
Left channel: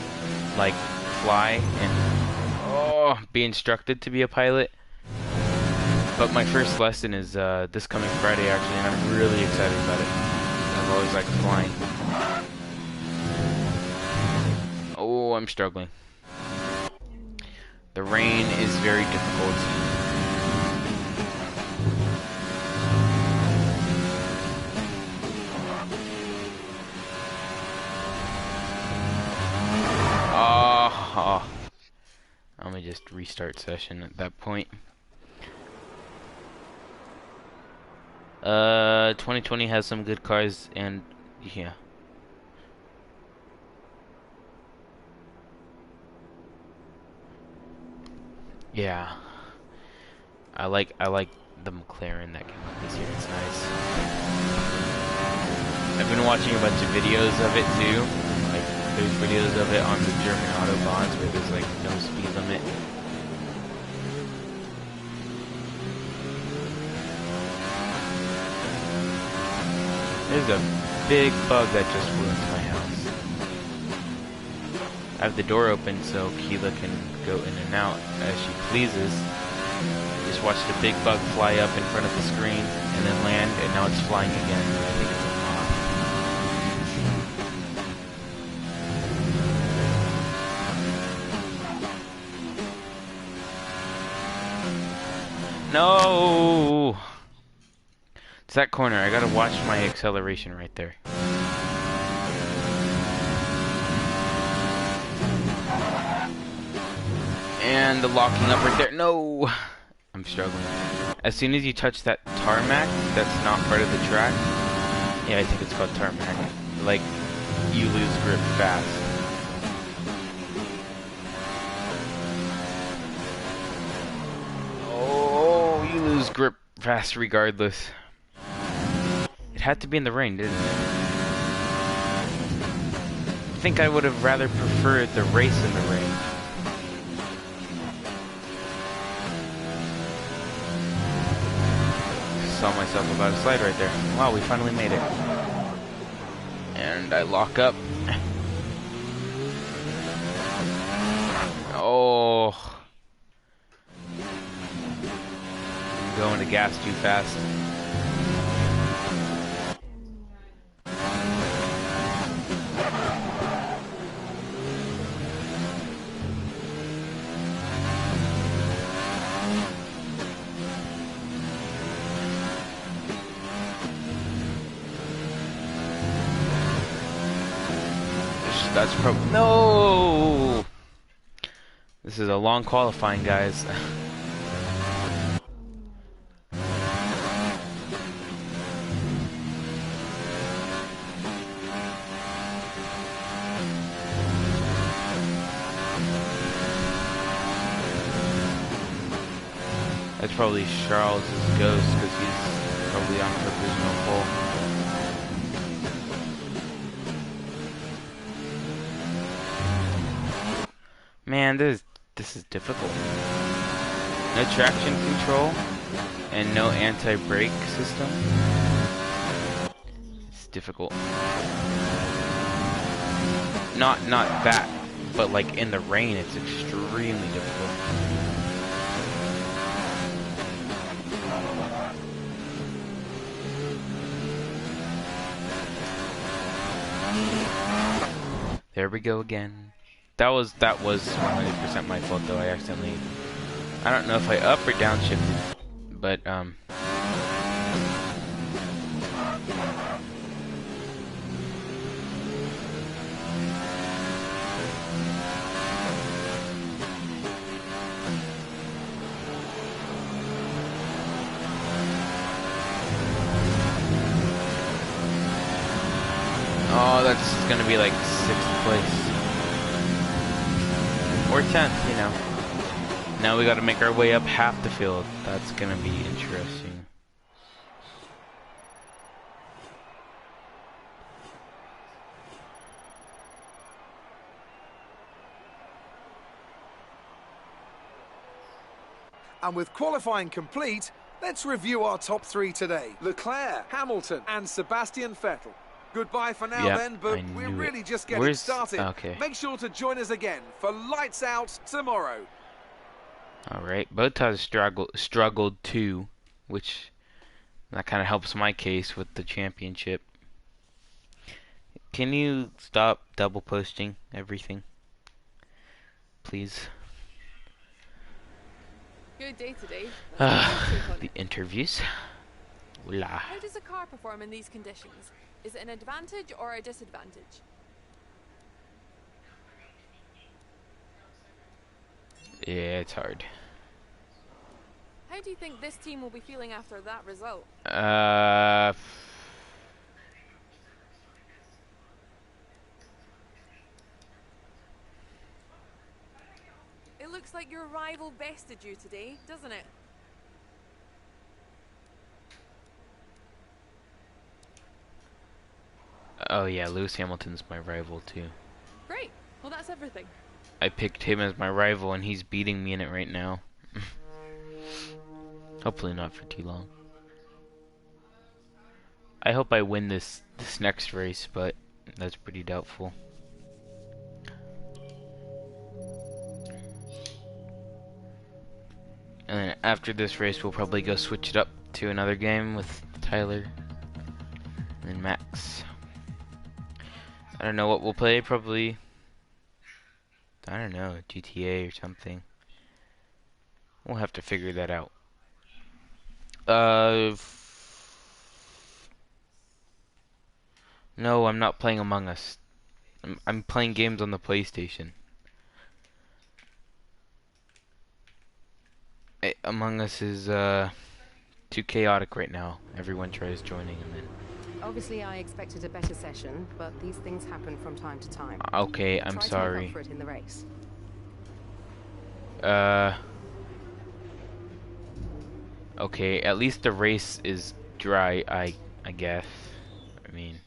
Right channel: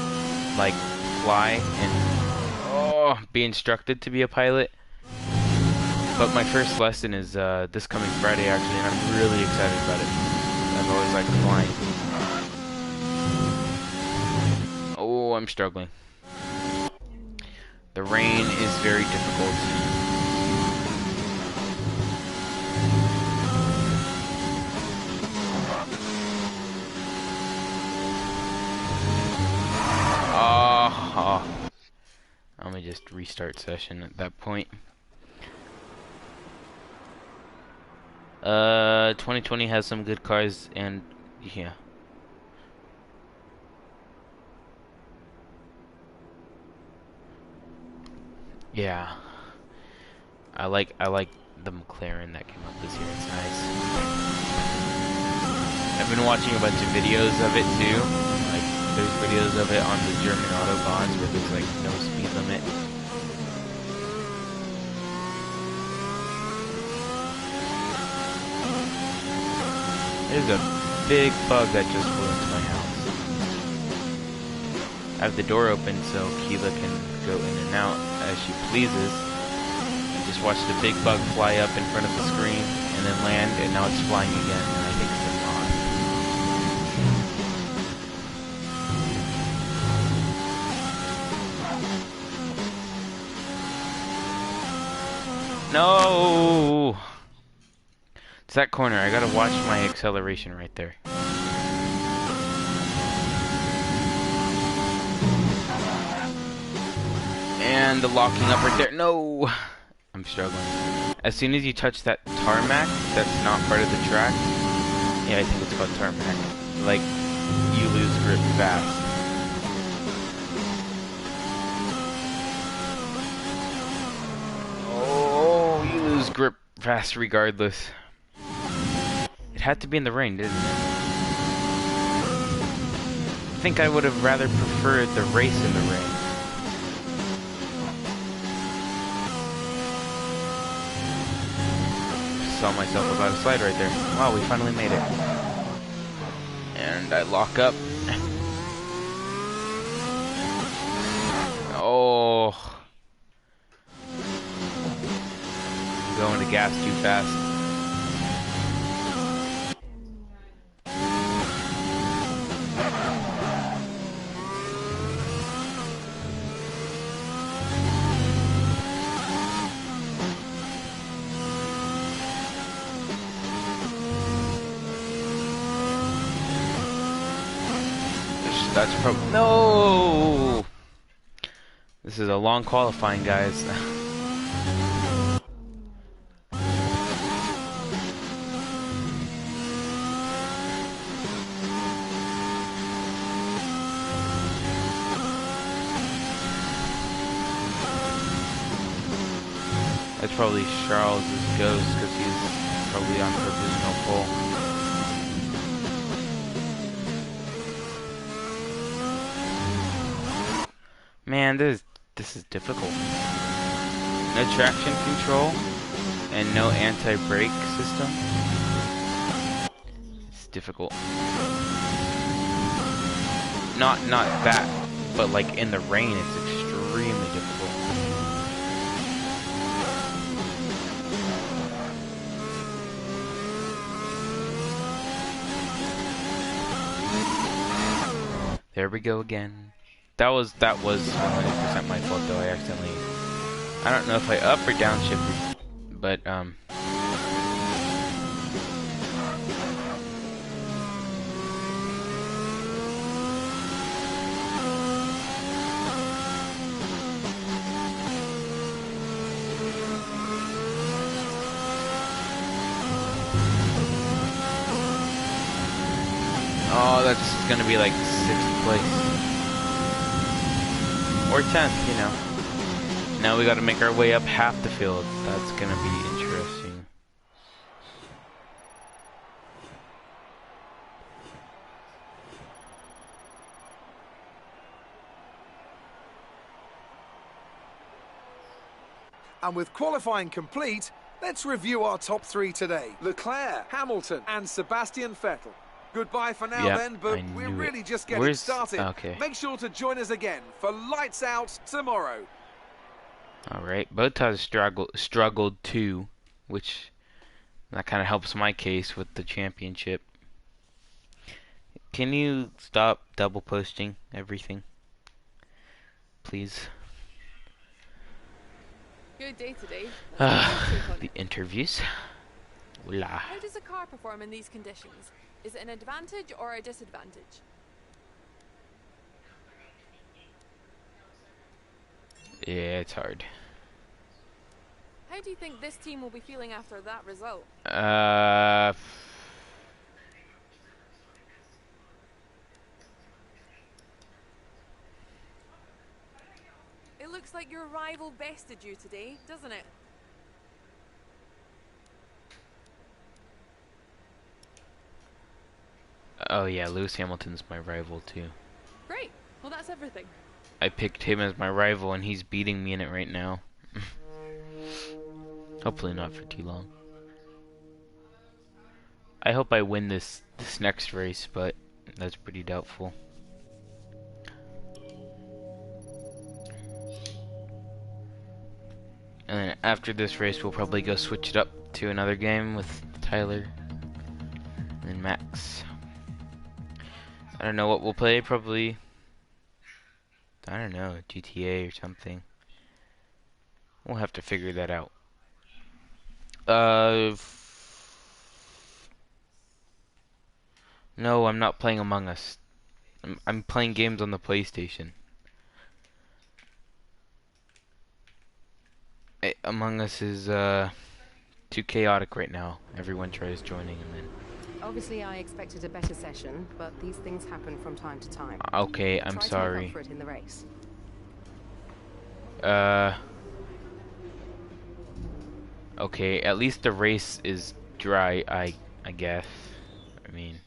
like fly and be instructed to be a pilot. But my first lesson is this coming Friday actually, and I'm really excited about it. I've always liked flying. Oh, I'm struggling. The rain is very difficult. Let me just restart session at that point. 2020 has some good cars, and yeah. Yeah. I like the McLaren that came out this year. It's nice. I've been watching a bunch of videos of it too. Like there's videos of it on the German autobahns where there's like no speed limit. There's a big bug that just flew into my house. I have the door open so Keela can go in and out as she pleases. I just watched a big bug fly up in front of the screen and then land, and now it's flying again, and I think it's a moth. No! It's that corner. I gotta watch my acceleration right there. And the locking up right there. No! I'm struggling. As soon as you touch that tarmac, that's not part of the track. Yeah, I think it's called tarmac. Like, you lose grip fast. Oh, you lose grip fast regardless. It had to be in the rain, didn't it? I think I would have rather preferred the race in the rain. Saw myself about to slide right there. Wow, we finally made it. And I lock up. Oh. I'm going to gas too fast. That's probably... No! This is a long qualifying, guys. That's probably Charles' ghost, because he's probably on provisional pole. Man, this This is difficult. No traction control and no anti-brake system. It's difficult. Not that, but like in the rain, it's extremely difficult. There we go again. That was 100% my fault though. I don't know if I up or downshifted, but oh, that's gonna be like 6th place. Or 10th, you know. Now we gotta make our way up half the field. That's gonna be interesting. And with qualifying complete, let's review our top 3 today. Leclerc, Hamilton, and Sebastian Vettel. Goodbye for now then, but we're really just getting started. Okay. Make sure to join us again for Lights Out tomorrow. Alright, Bottas struggled too, which that kind of helps my case with the championship. Can you stop double posting everything? Please. Good day today. The interviews. Hola. How does a car perform in these conditions? Is it an advantage or a disadvantage? Yeah, it's hard. How do you think this team will be feeling after that result? It looks like your rival bested you today, doesn't it? Oh yeah, Lewis Hamilton's my rival too. Great. Well, that's everything. I picked him as my rival and he's beating me in it right now. Hopefully not for too long. I hope I win this next race, but that's pretty doubtful. And then after this race we'll probably go switch it up to another game with Tyler and Max. I don't know what we'll play, probably, I don't know, GTA or something. We'll have to figure that out. No, I'm not playing Among Us. I'm playing games on the PlayStation. Among Us is too chaotic right now. Everyone tries joining and then... Obviously, I expected a better session, but these things happen from time to time. Okay, I'm sorry. Try to make up for it in the race. Okay, at least the race is dry, I guess. I mean,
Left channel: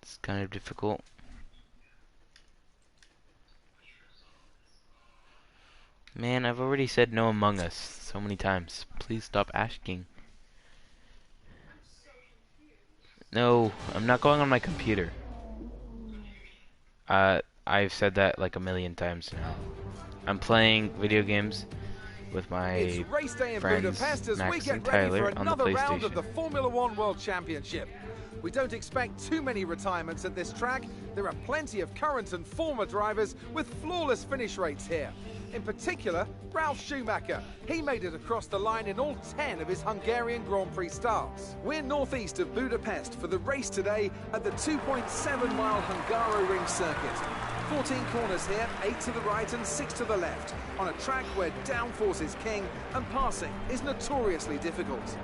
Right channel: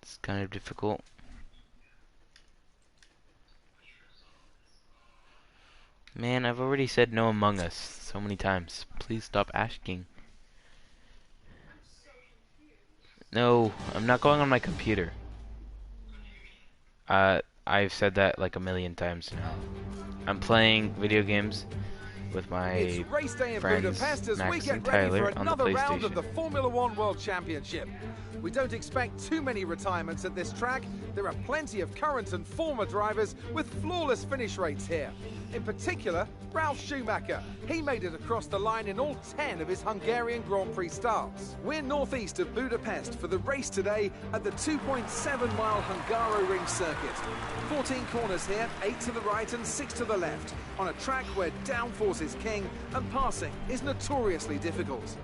it's kind of difficult. Man, I've already said no Among Us so many times. Please stop asking. No, I'm not going on my computer. I've said that like a million times now. I'm playing video games with my race day in friends Budapest as Max we get and ready Tyler for on the another round of PlayStation. the Formula One World Championship. We don't expect too many retirements at this track. There are plenty of current and former drivers with flawless finish rates here. In particular, Ralf Schumacher. He made it across the line in all 10 of his Hungarian Grand Prix starts. We're northeast of Budapest for the race today at the 2.7-mile Hungaroring circuit. 14 corners here, 8 to the right and 6 to the left, on a track where downforce is king and passing is notoriously difficult.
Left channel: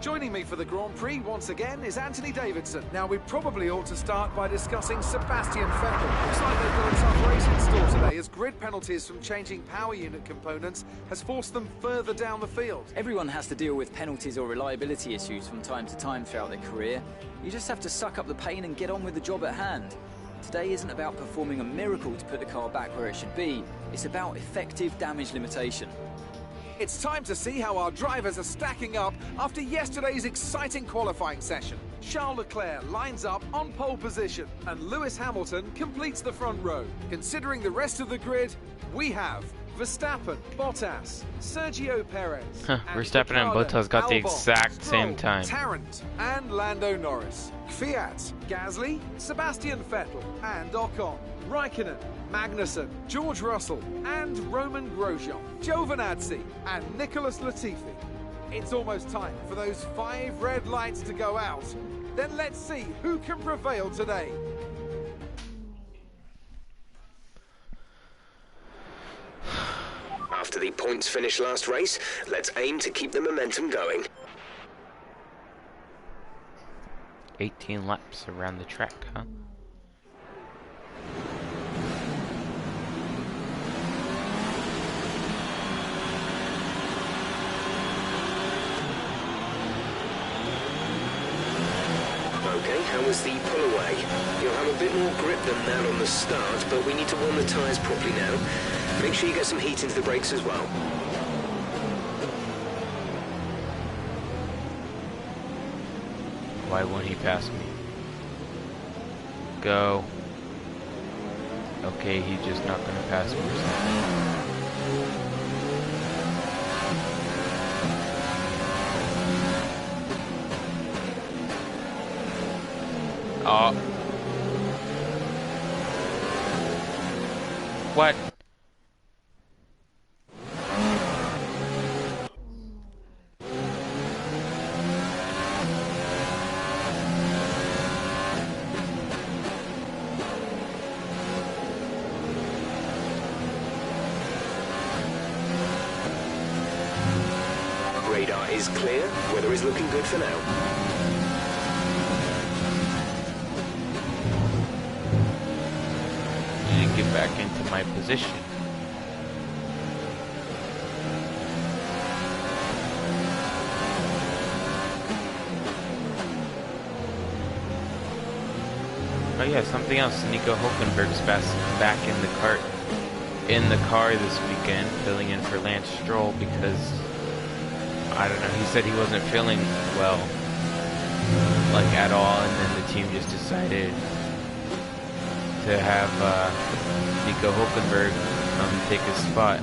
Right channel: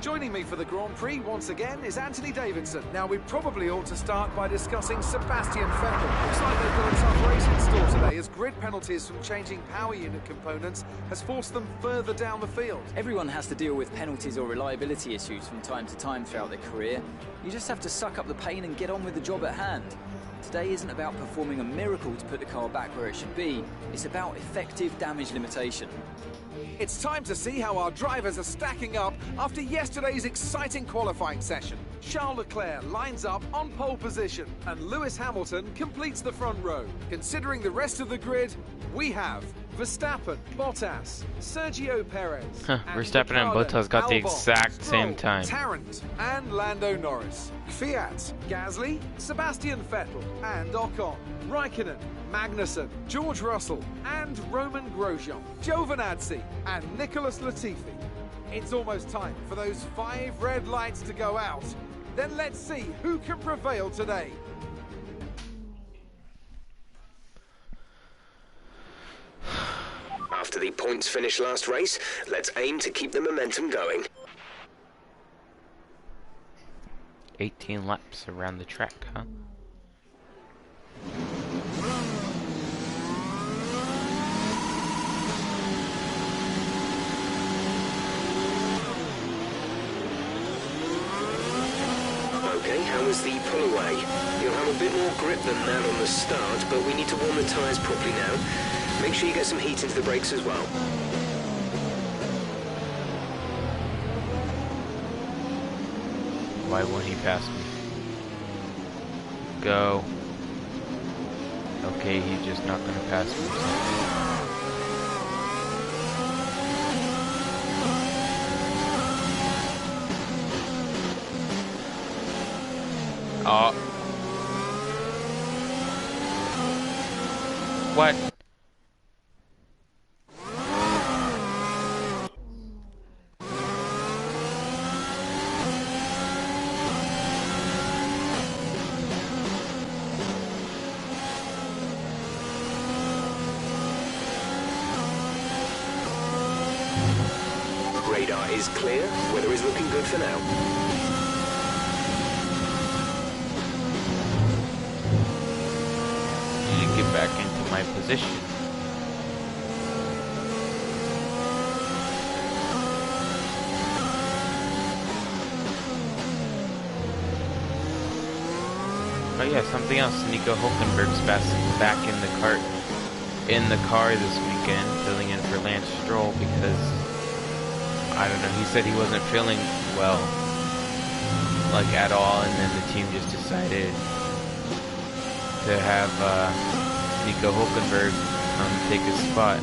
Joining me for the Grand Prix once again is Anthony Davidson. Now, we probably ought to start by discussing Sebastian Vettel. Looks like they've got a tough race in store today, as grid penalties from changing power unit components has forced them further down the field. Everyone has to deal with penalties or reliability issues from time to time throughout their career. You just have to suck up the pain and get on with the job at hand. Today isn't about performing a miracle to put the car back where it should be. It's about effective damage limitation. It's time to see how our drivers are stacking up after yesterday's exciting qualifying session. Charles Leclerc lines up on pole position, and Lewis Hamilton completes the front row. Considering the rest of the grid, we have Verstappen, Bottas, Sergio Perez, Verstappen and Bottas got the exact same time. Tarrant and Lando Norris, Fiat, Gasly, Sebastian Vettel and Ocon, Raikkonen, Magnussen, George Russell and Roman Grosjean, Giovinazzi and Nicholas Latifi. It's almost time for those 5 red lights to go out. Then let's see who can prevail today. After the points finish last race, let's aim to keep the momentum going. 18 laps around the track, huh? Okay, how was the pull away? You'll have a bit more grip than that on the start, but we need to warm the tyres properly now. Make sure you get some heat into the brakes as well. Why won't he pass me? Go. Okay, he's just not gonna pass me or something. Oh. What? Radar is clear. Weather is looking good for now. Need to get back into my position. Oh yeah, something else. Nico Hulkenberg's back in the car this weekend, filling in for Lance Stroll because I don't know. He said he wasn't feeling well, like at all, and then the team just decided to have Nico Hulkenberg take his spot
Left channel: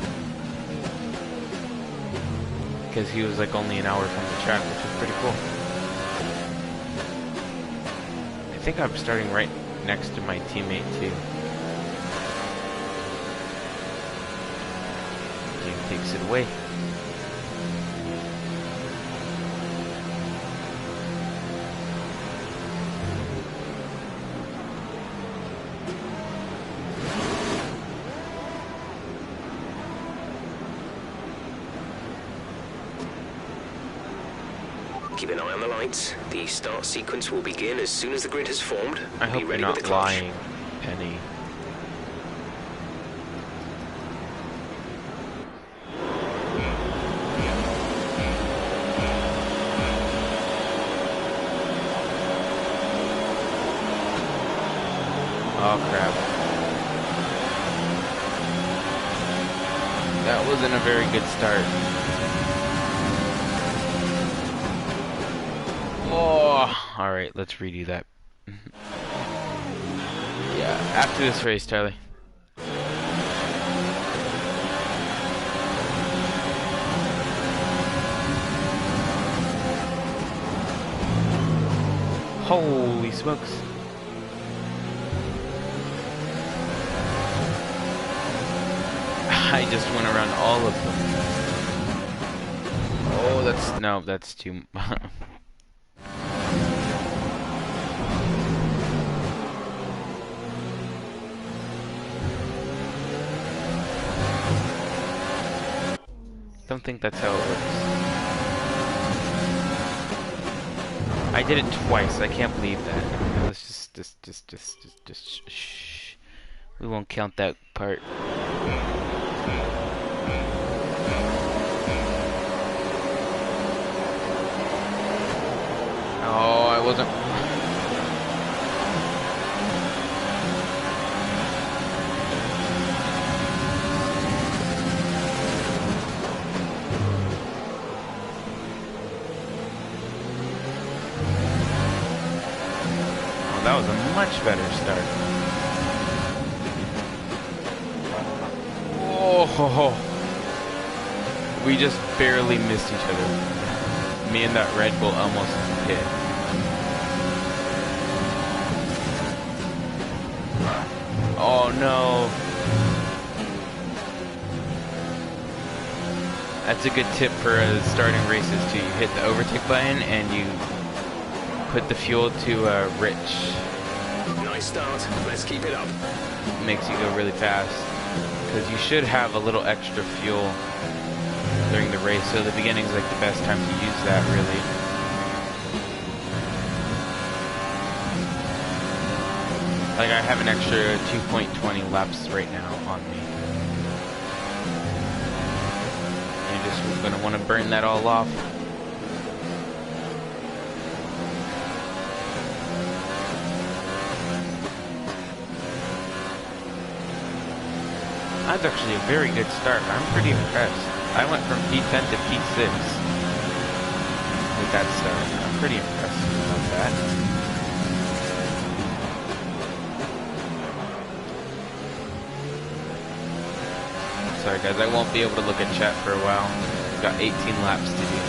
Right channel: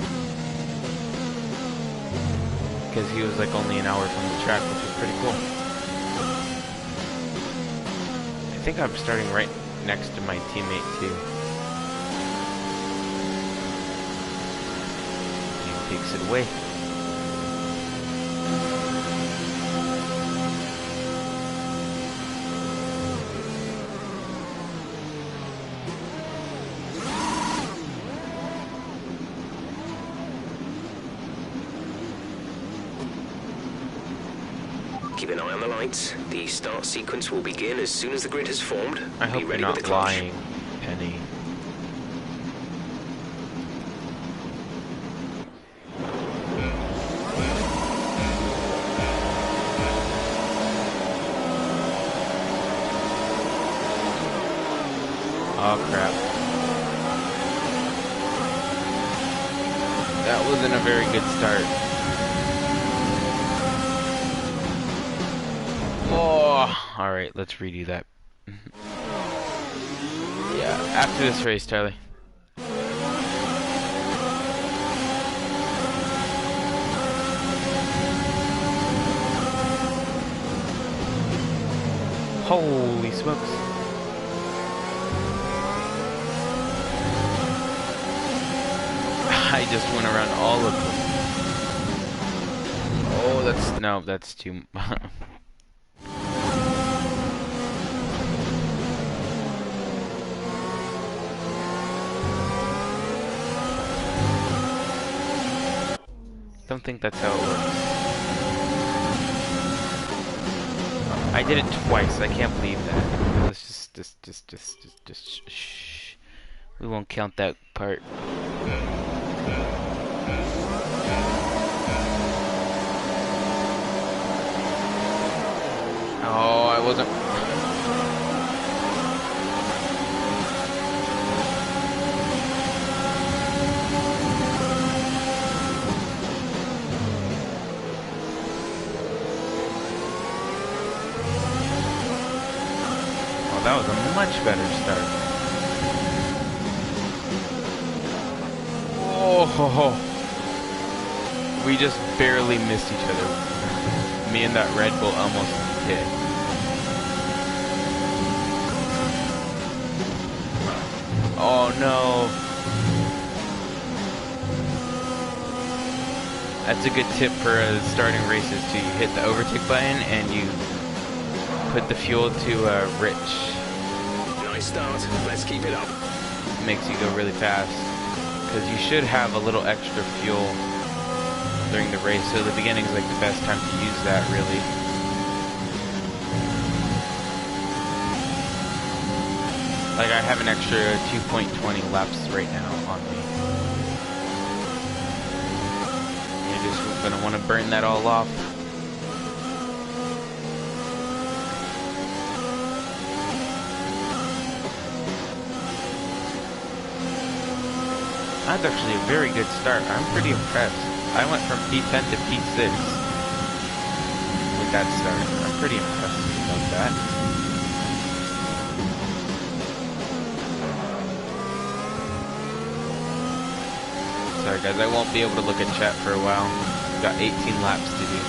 because he was like only an hour from the track, which was pretty cool. I think I'm starting right next to my teammate too. Team takes it away. Keep an eye on the lights. The start sequence will begin as soon as the grid has formed. I hope you're not lying, Penny. Oh crap. That wasn't a very good start. Oh, alright, let's redo that. Yeah, after this race, Charlie. Holy smokes. I just went around all of them. Oh, that's too Don't think that's how it works. I did it twice. I can't believe that. Let's just shh. We won't count that part. Oh, I wasn't. that was a much better start. Oh, we just barely missed each other. Me and that Red Bull almost hit. Oh no. That's a good tip for starting races too. You hit the overtake button and you put the fuel to rich. Nice start. Let's keep it up. Makes you go really fast. Because you should have a little extra fuel during the race, so the beginning's like the best time to use that, really. Like, I have an extra 2.20 laps right now on me. You're just gonna want to burn that all off. That's actually a very good start. I'm pretty impressed. I went from P10 to P6 with that start. I'm pretty impressed about that. Sorry guys, I won't be able to look at chat for a while. We've got 18 laps to do.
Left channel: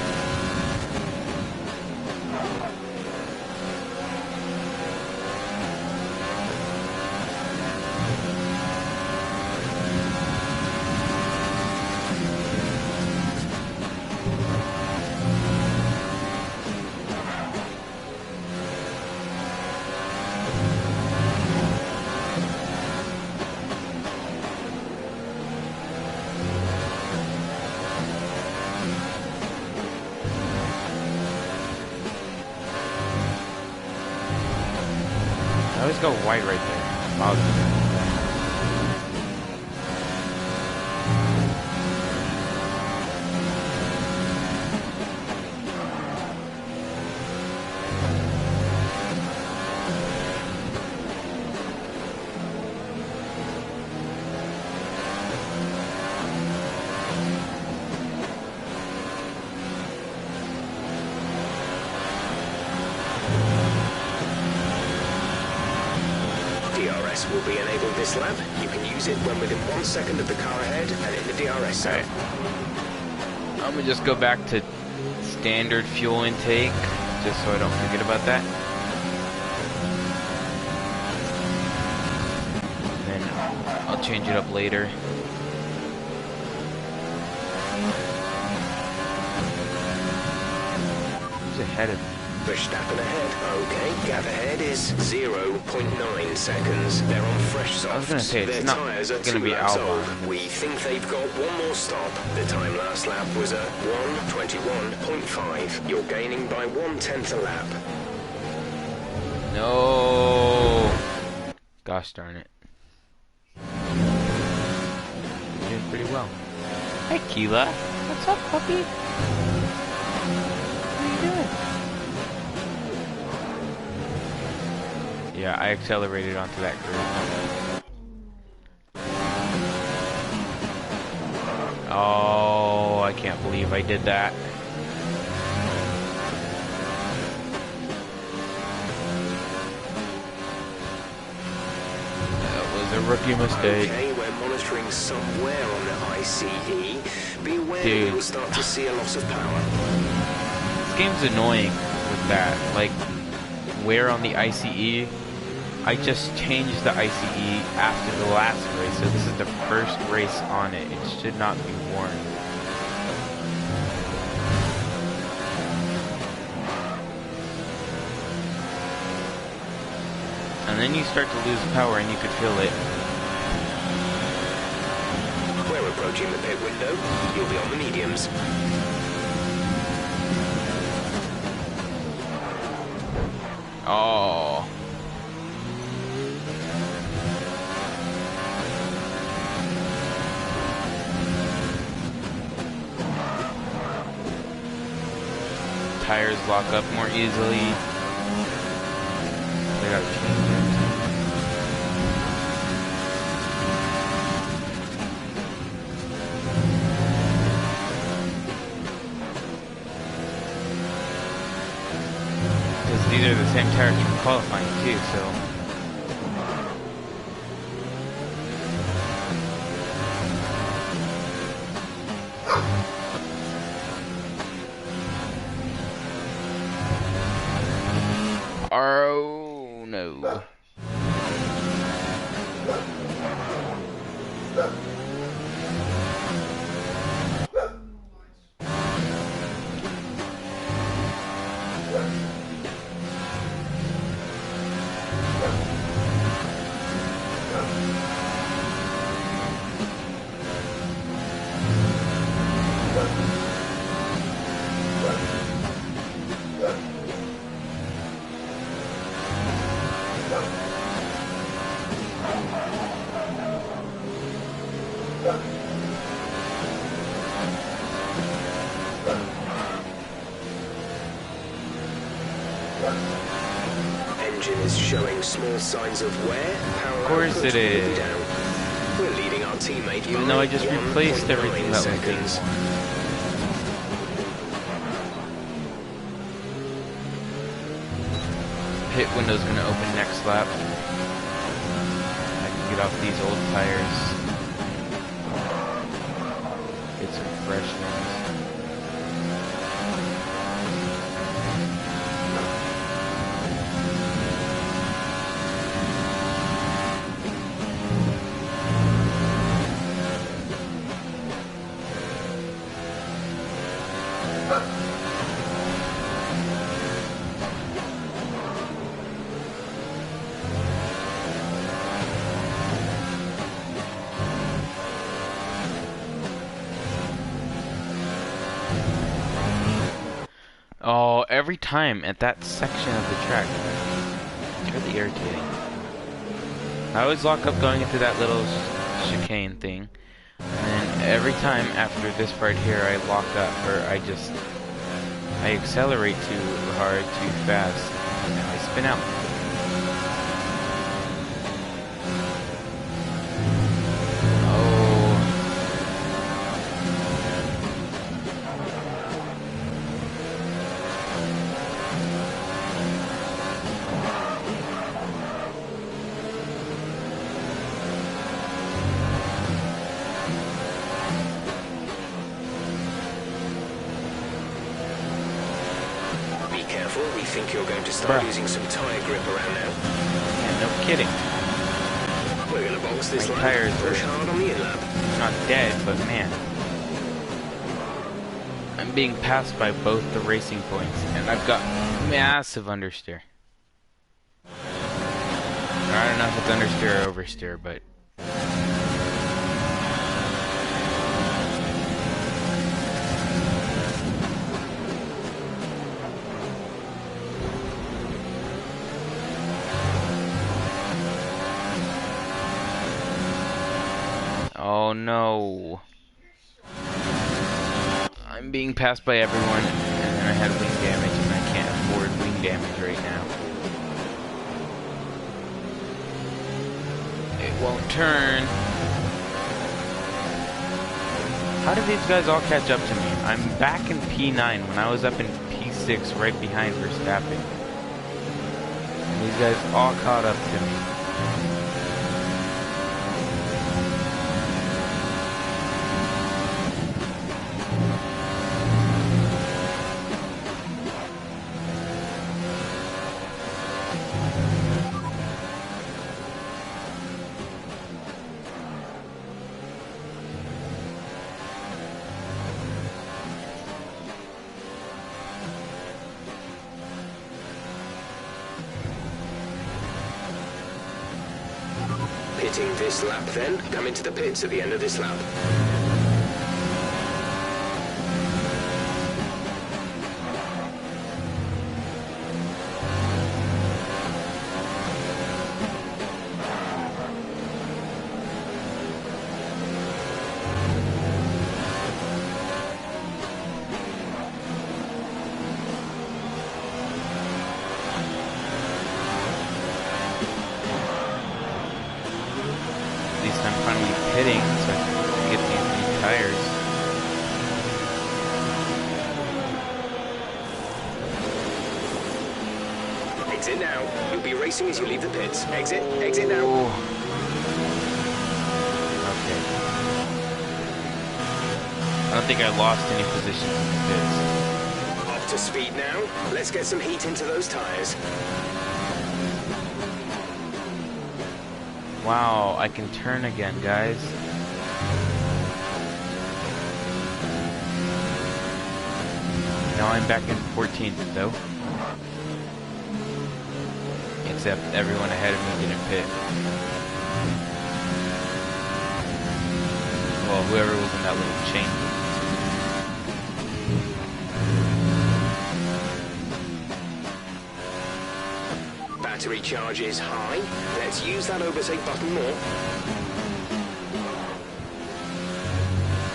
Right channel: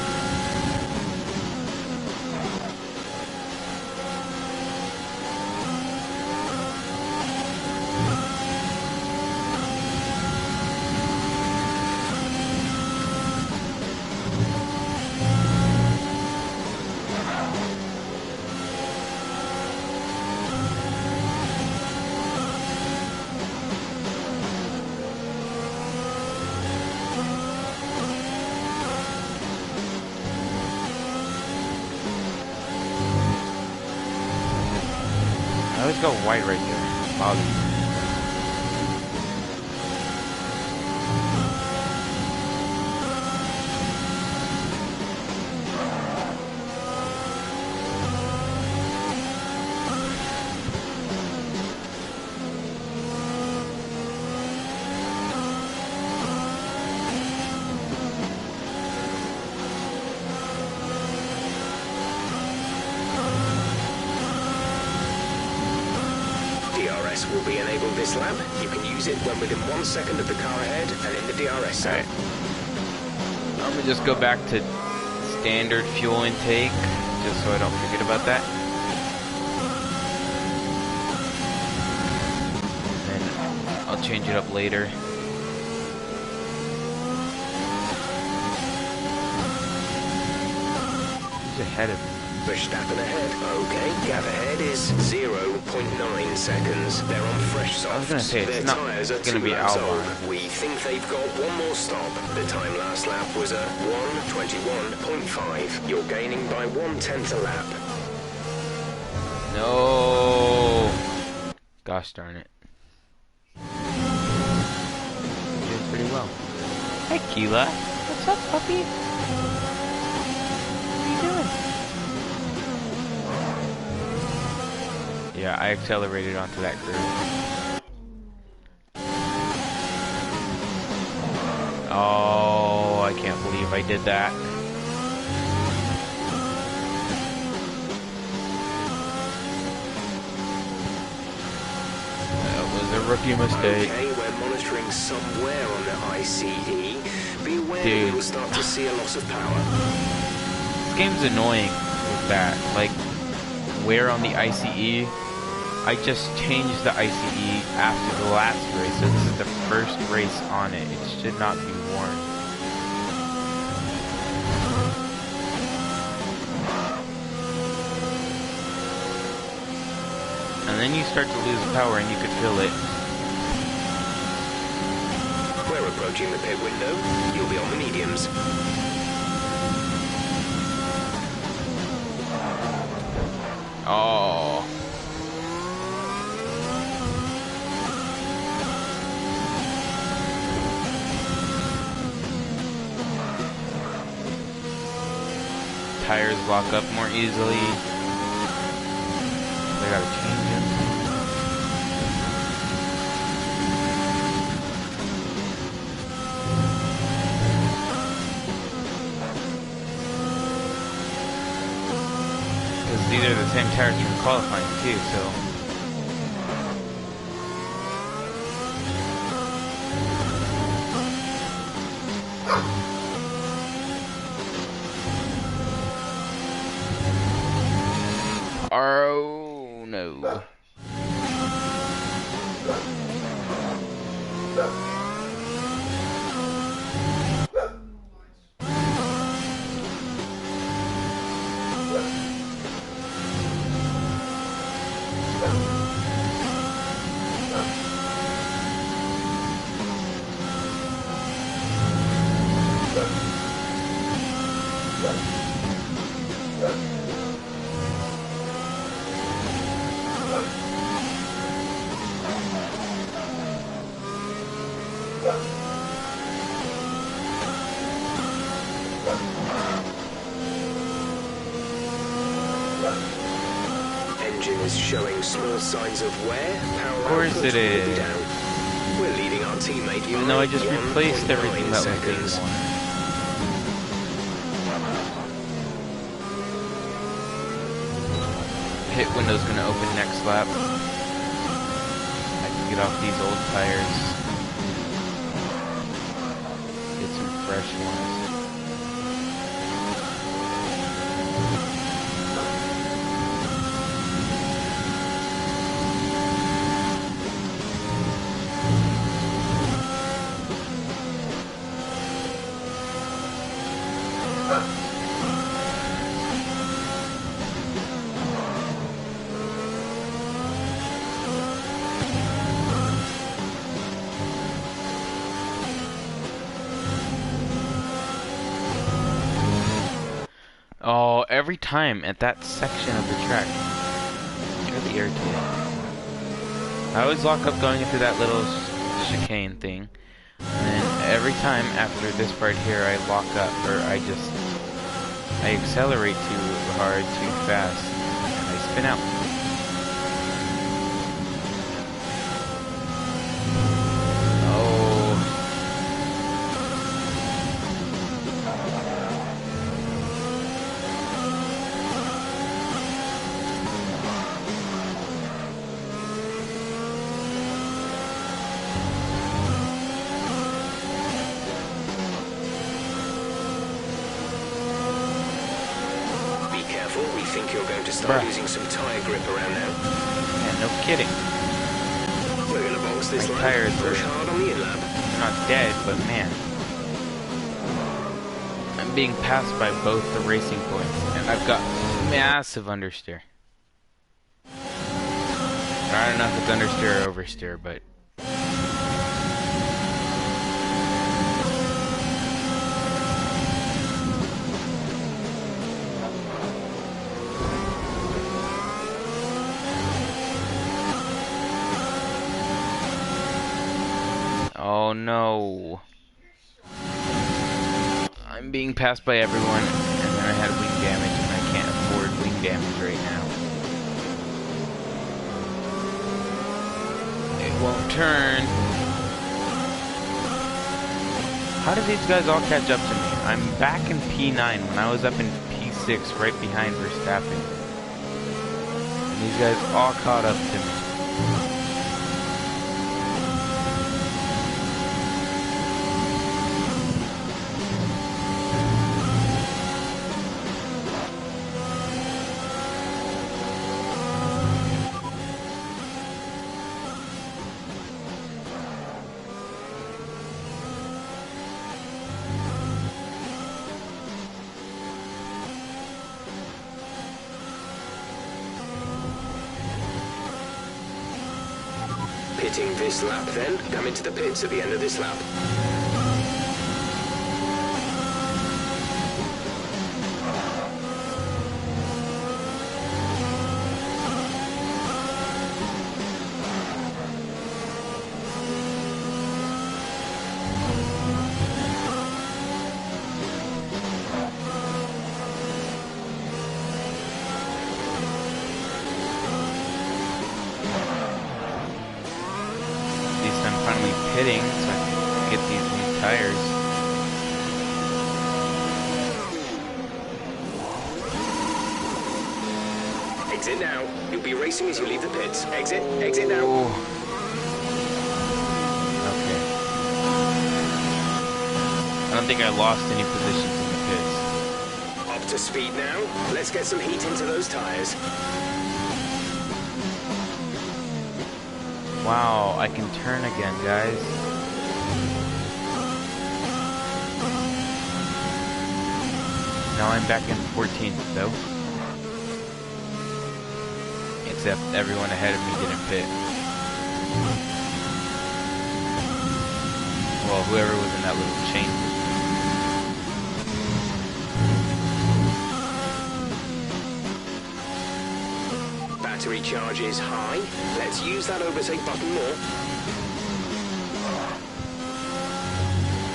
I always go wide right there. Bothers me. DRS will be enabled this lap. You can use it when within 1 second of the car ahead and in the DRS zone. Right. I'm gonna just go back to standard fuel intake, just so I don't forget about that. Then I'll change it up later. Who's ahead of me? Verstappen ahead. Okay, gap ahead is 0.9 seconds. They're on fresh softs. I was gonna say, it's Their not tyres are gonna 2 be laps Albon. old. We think they've got one more stop. The time last lap was a 1:21.5. You're gaining by 1/10 a lap. No. Gosh darn it. You're doing pretty well. Hi, Keela. What's up, puppy? What are you doing? Yeah, I accelerated onto that curve. Oh, I can't believe I did that. That was a rookie mistake. Okay, we're monitoring somewhere on the ICE. Be aware that Dude. we'll start to see a loss of power. This game's annoying with that. Like, where on the ICE? I just changed the ICE after the last race, so this is the first race on it. It should not be worn. And then you start to lose power and you could feel it. We're approaching the pit window. You'll be on the mediums. Oh. Tires lock up more easily. They gotta change it. Because these are the same tires from qualifying too, so. Oh no. Engine is showing small signs of wear. Power Of course output it will be is. down. We're leading our teammate Even by though I just replaced 1.9 everything that was being seconds. worn. Pit window's gonna open next lap. I can get off these old tires. Get some fresh ones. Oh, every time at that section of the track. It's really irritating. I always lock up going into that little chicane thing. And then every time after this part here I lock up, or I accelerate too hard, too fast, and I spin out. We think you're going to start Bruh. losing some tyre grip around now. Yeah, no kidding. We're going to box this My lap. tyres Push are- hard on the in-lap. Not dead, but man. I'm being passed by both the racing points, and I've got massive understeer. I don't know if it's understeer or oversteer, but... Oh no. I'm being passed by everyone, and then I had wing damage, and I can't afford wing damage right now. It won't turn. How did these guys all catch up to me? I'm back in P9 when I was up in P6 right behind Verstappen. And these guys all caught up to me. Pitting this lap then. Come into the pits at the end of this lap. At least I'm finally pitting so I can get these new tires. Exit now. You'll be racing as you leave the pits. Exit. Exit now. Okay. I don't think I lost any positions in the pits. Up to speed now. Let's get some heat into those tires. Wow, I can turn again, guys. Now I'm back in 14th, though. Except everyone ahead of me didn't pit. Well, whoever was in that little chain. Battery charge is high. Let's use that overtake button more.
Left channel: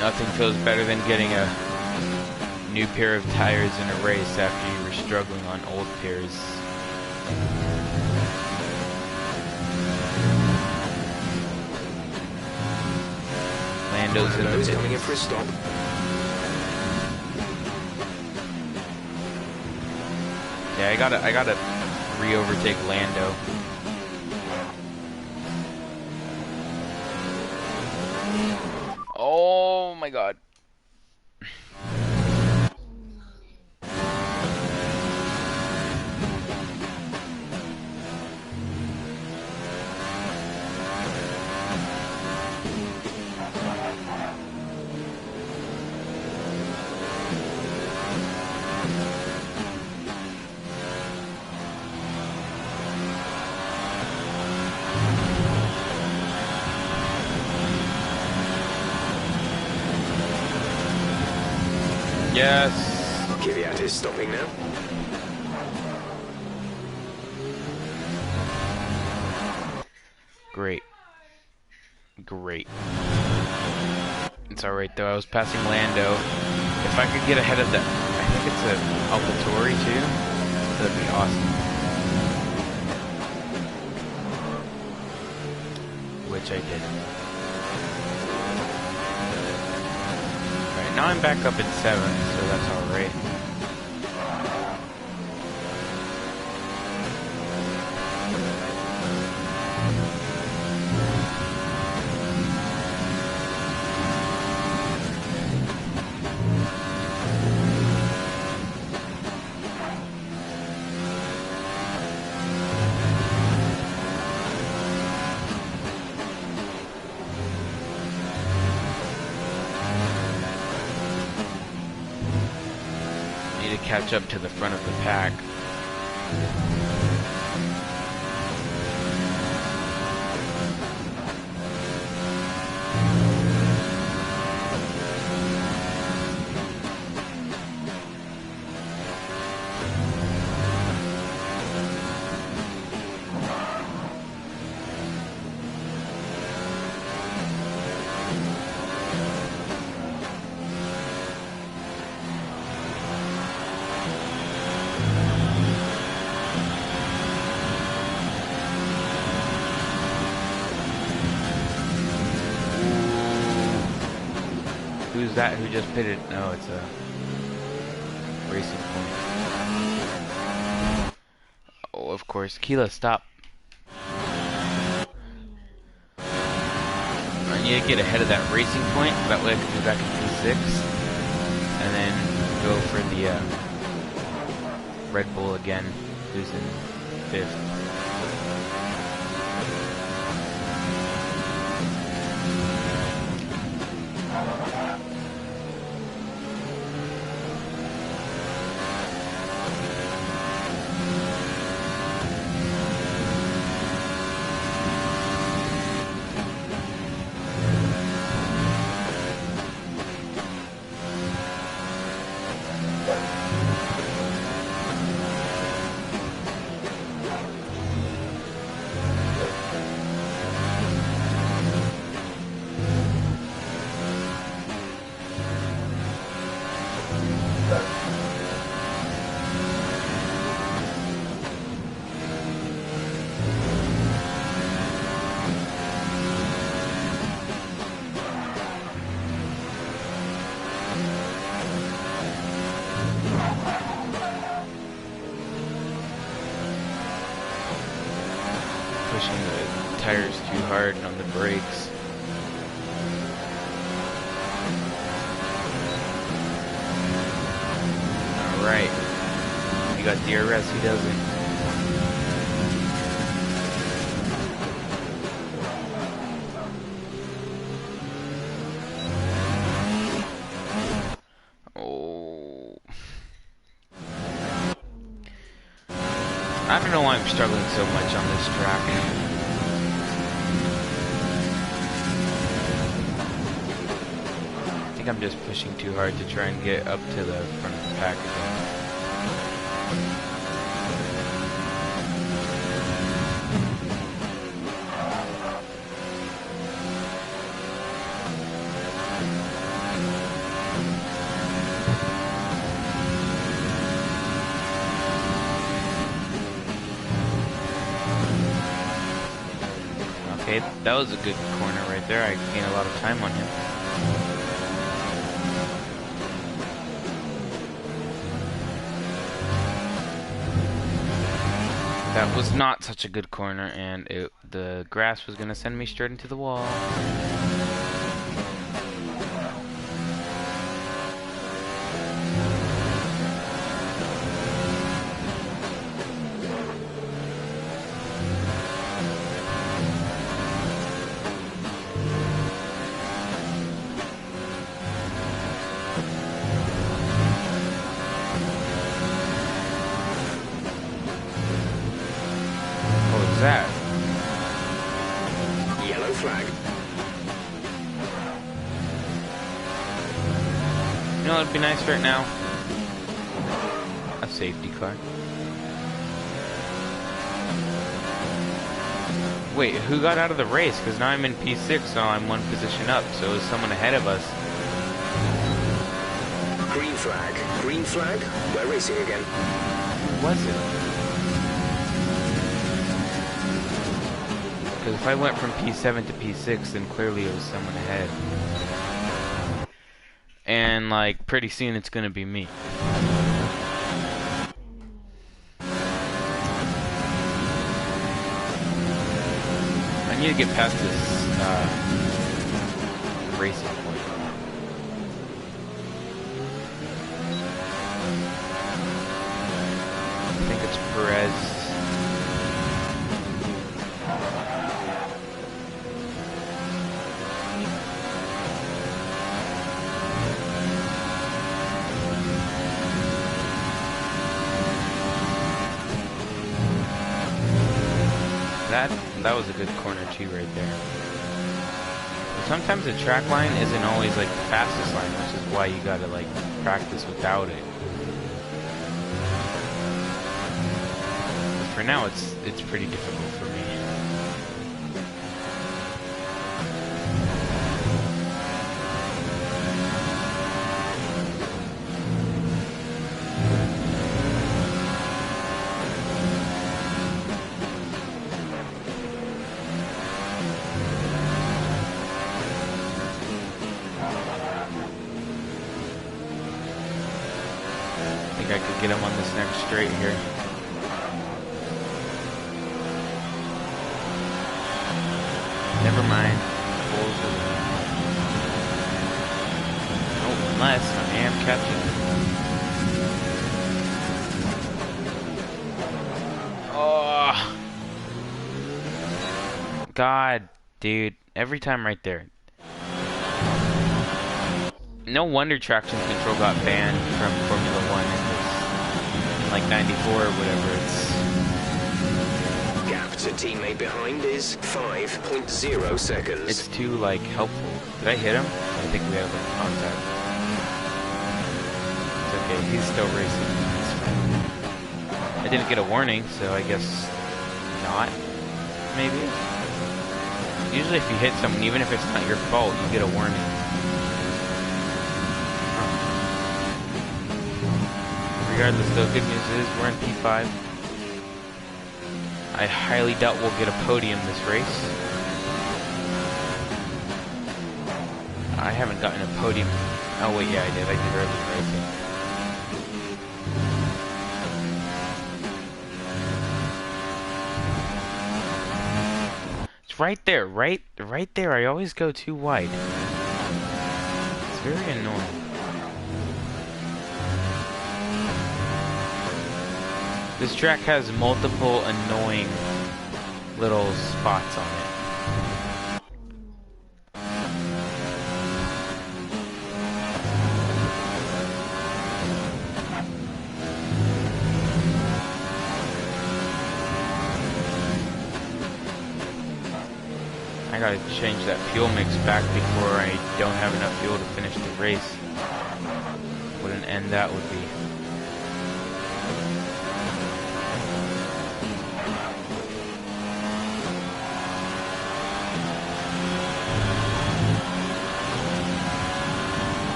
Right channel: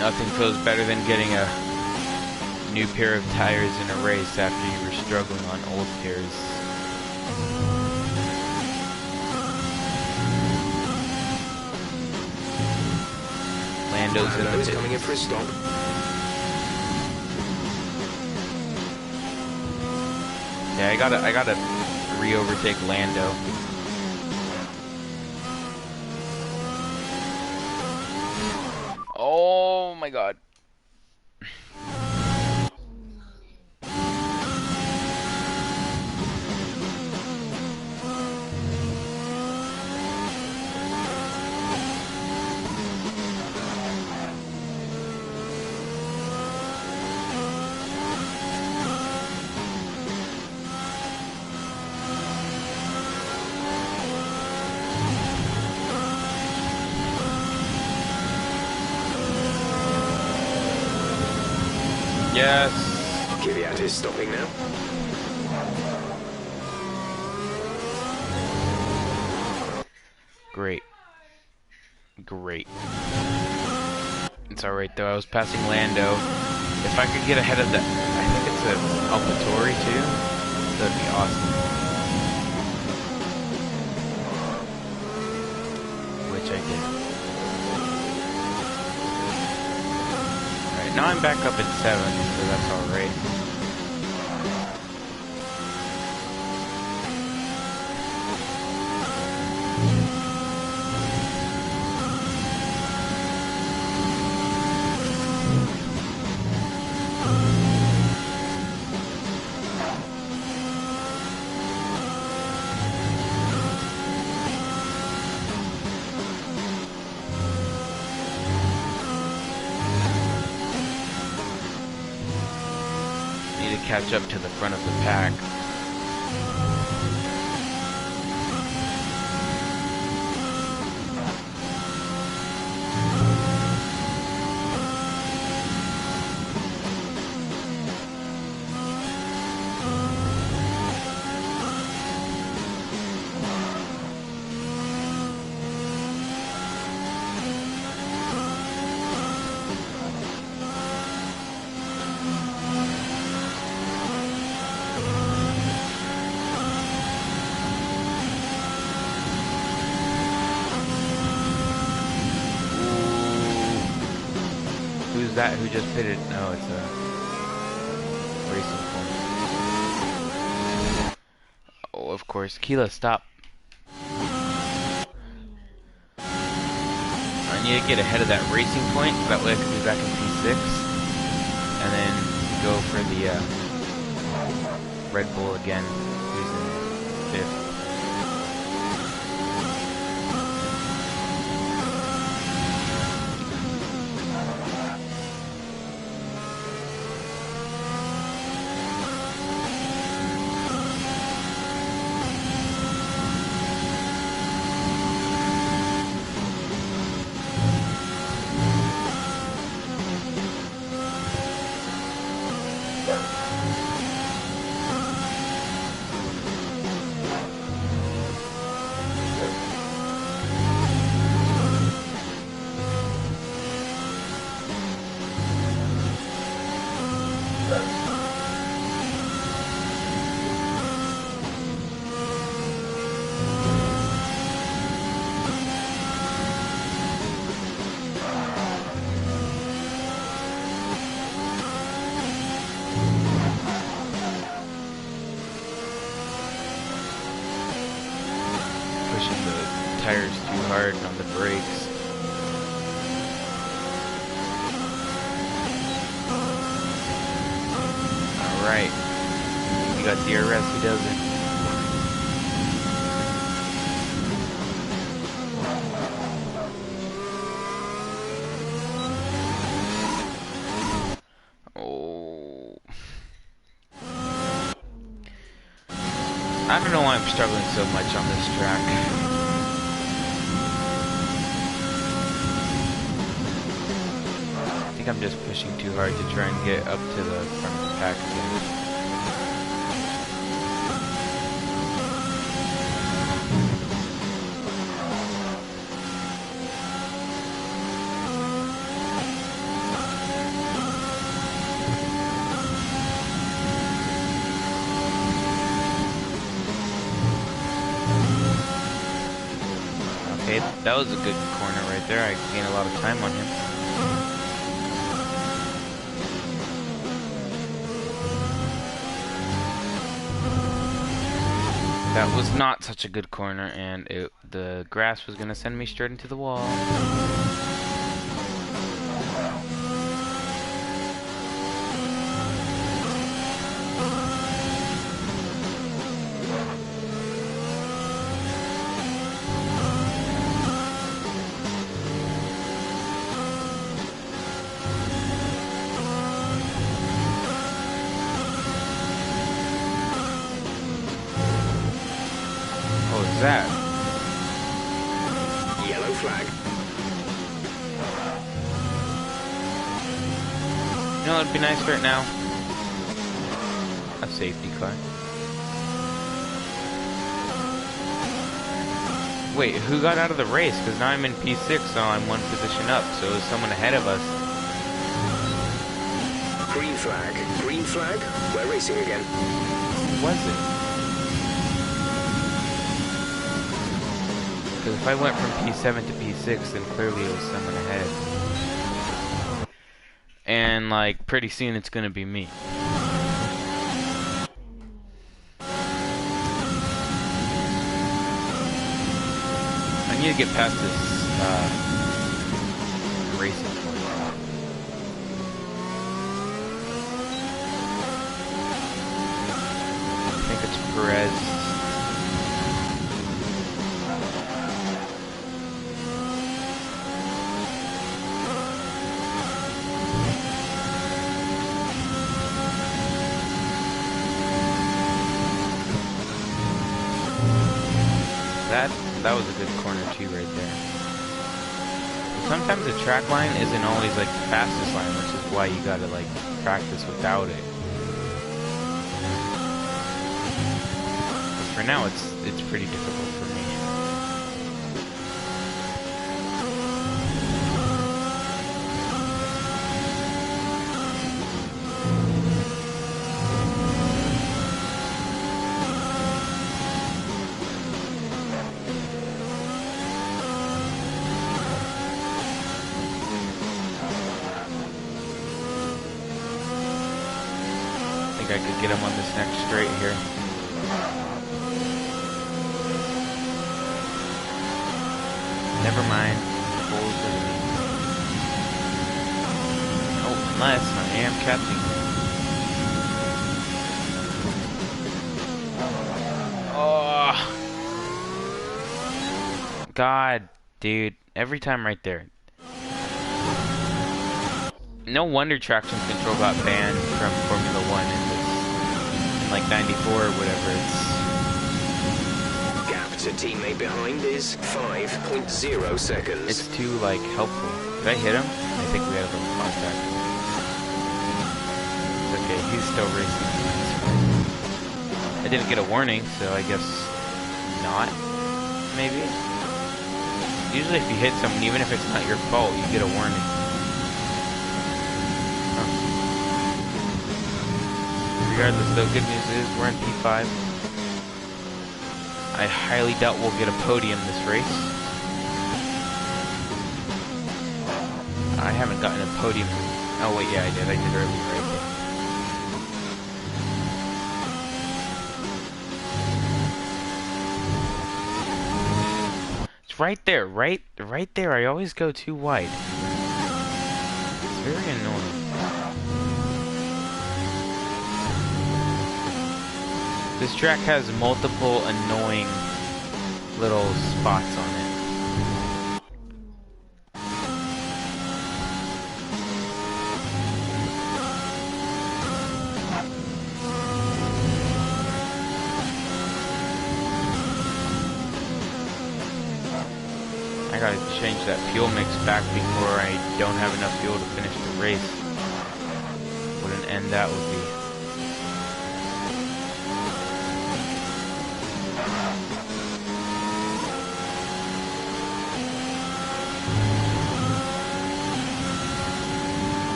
Nothing feels better than getting a new pair of tires in a race after you were struggling on old pairs. Lando's coming in for a stop. Yeah, I gotta re-overtake Lando. Oh my god. Yes. Kvyat is stopping now. Great. Great. It's alright though, I was passing Lando. If I could get ahead of that, I think it's a AlphaTauri too. That'd be awesome. Which I did. Now I'm back up at 7, so that's alright. To catch up to the front of the pack. Who's that who just pitted? No, it's a Racing Point. Oh, of course. Keela, stop. I need to get ahead of that Racing Point. That way I can be back in P6. And then go for the Red Bull again, who's in 5th. pushing the tires too hard on the brakes. Alright. You got DRS, he doesn't. Oh. I don't know why I'm struggling so much on this track. I think I'm just pushing too hard to try and get up to the front of the pack again. Okay, that was a good corner right there. I gained a lot of time on him. That was not such a good corner, and the grass was going to send me straight into the wall. What was that? Yellow flag. You know what would be nice right now? A safety car. Wait, who got out of the race? Because now I'm in P6, so I'm one position up. So is someone ahead of us? Green flag. Green flag. We're racing again. Who was it? Because if I went from P7 to P6, then clearly it was someone ahead. And, like, pretty soon it's gonna be me. I need to get past this, racing point. I think it's Perez. That was a good corner too right there. But sometimes the track line isn't always like the fastest line, which is why you gotta like practice without it. But for now it's pretty difficult for me. I think I could get him on this next straight here. Never mind. Oh, unless I am catching. Oh! God, dude. Every time right there. No wonder traction control got banned from Formula 1 in like 94 or whatever. Gap to teammate behind is 5.0 seconds. It's too like helpful. Did I hit him? I think we had a little contact. It's okay, he's still racing. It's fine. I didn't get a warning, so I guess not. Maybe. Usually if you hit someone, even if it's not your fault, you get a warning. Regardless, though, good news is we're in P5. I highly doubt we'll get a podium this race. I haven't gotten a podium. Oh wait, yeah, I did. I did earlier, I think. It's right there, right there. I always go too wide. It's very annoying. This track has multiple annoying little spots on it. I gotta change that fuel mix back before I don't have enough fuel to finish the race. What an end that would be.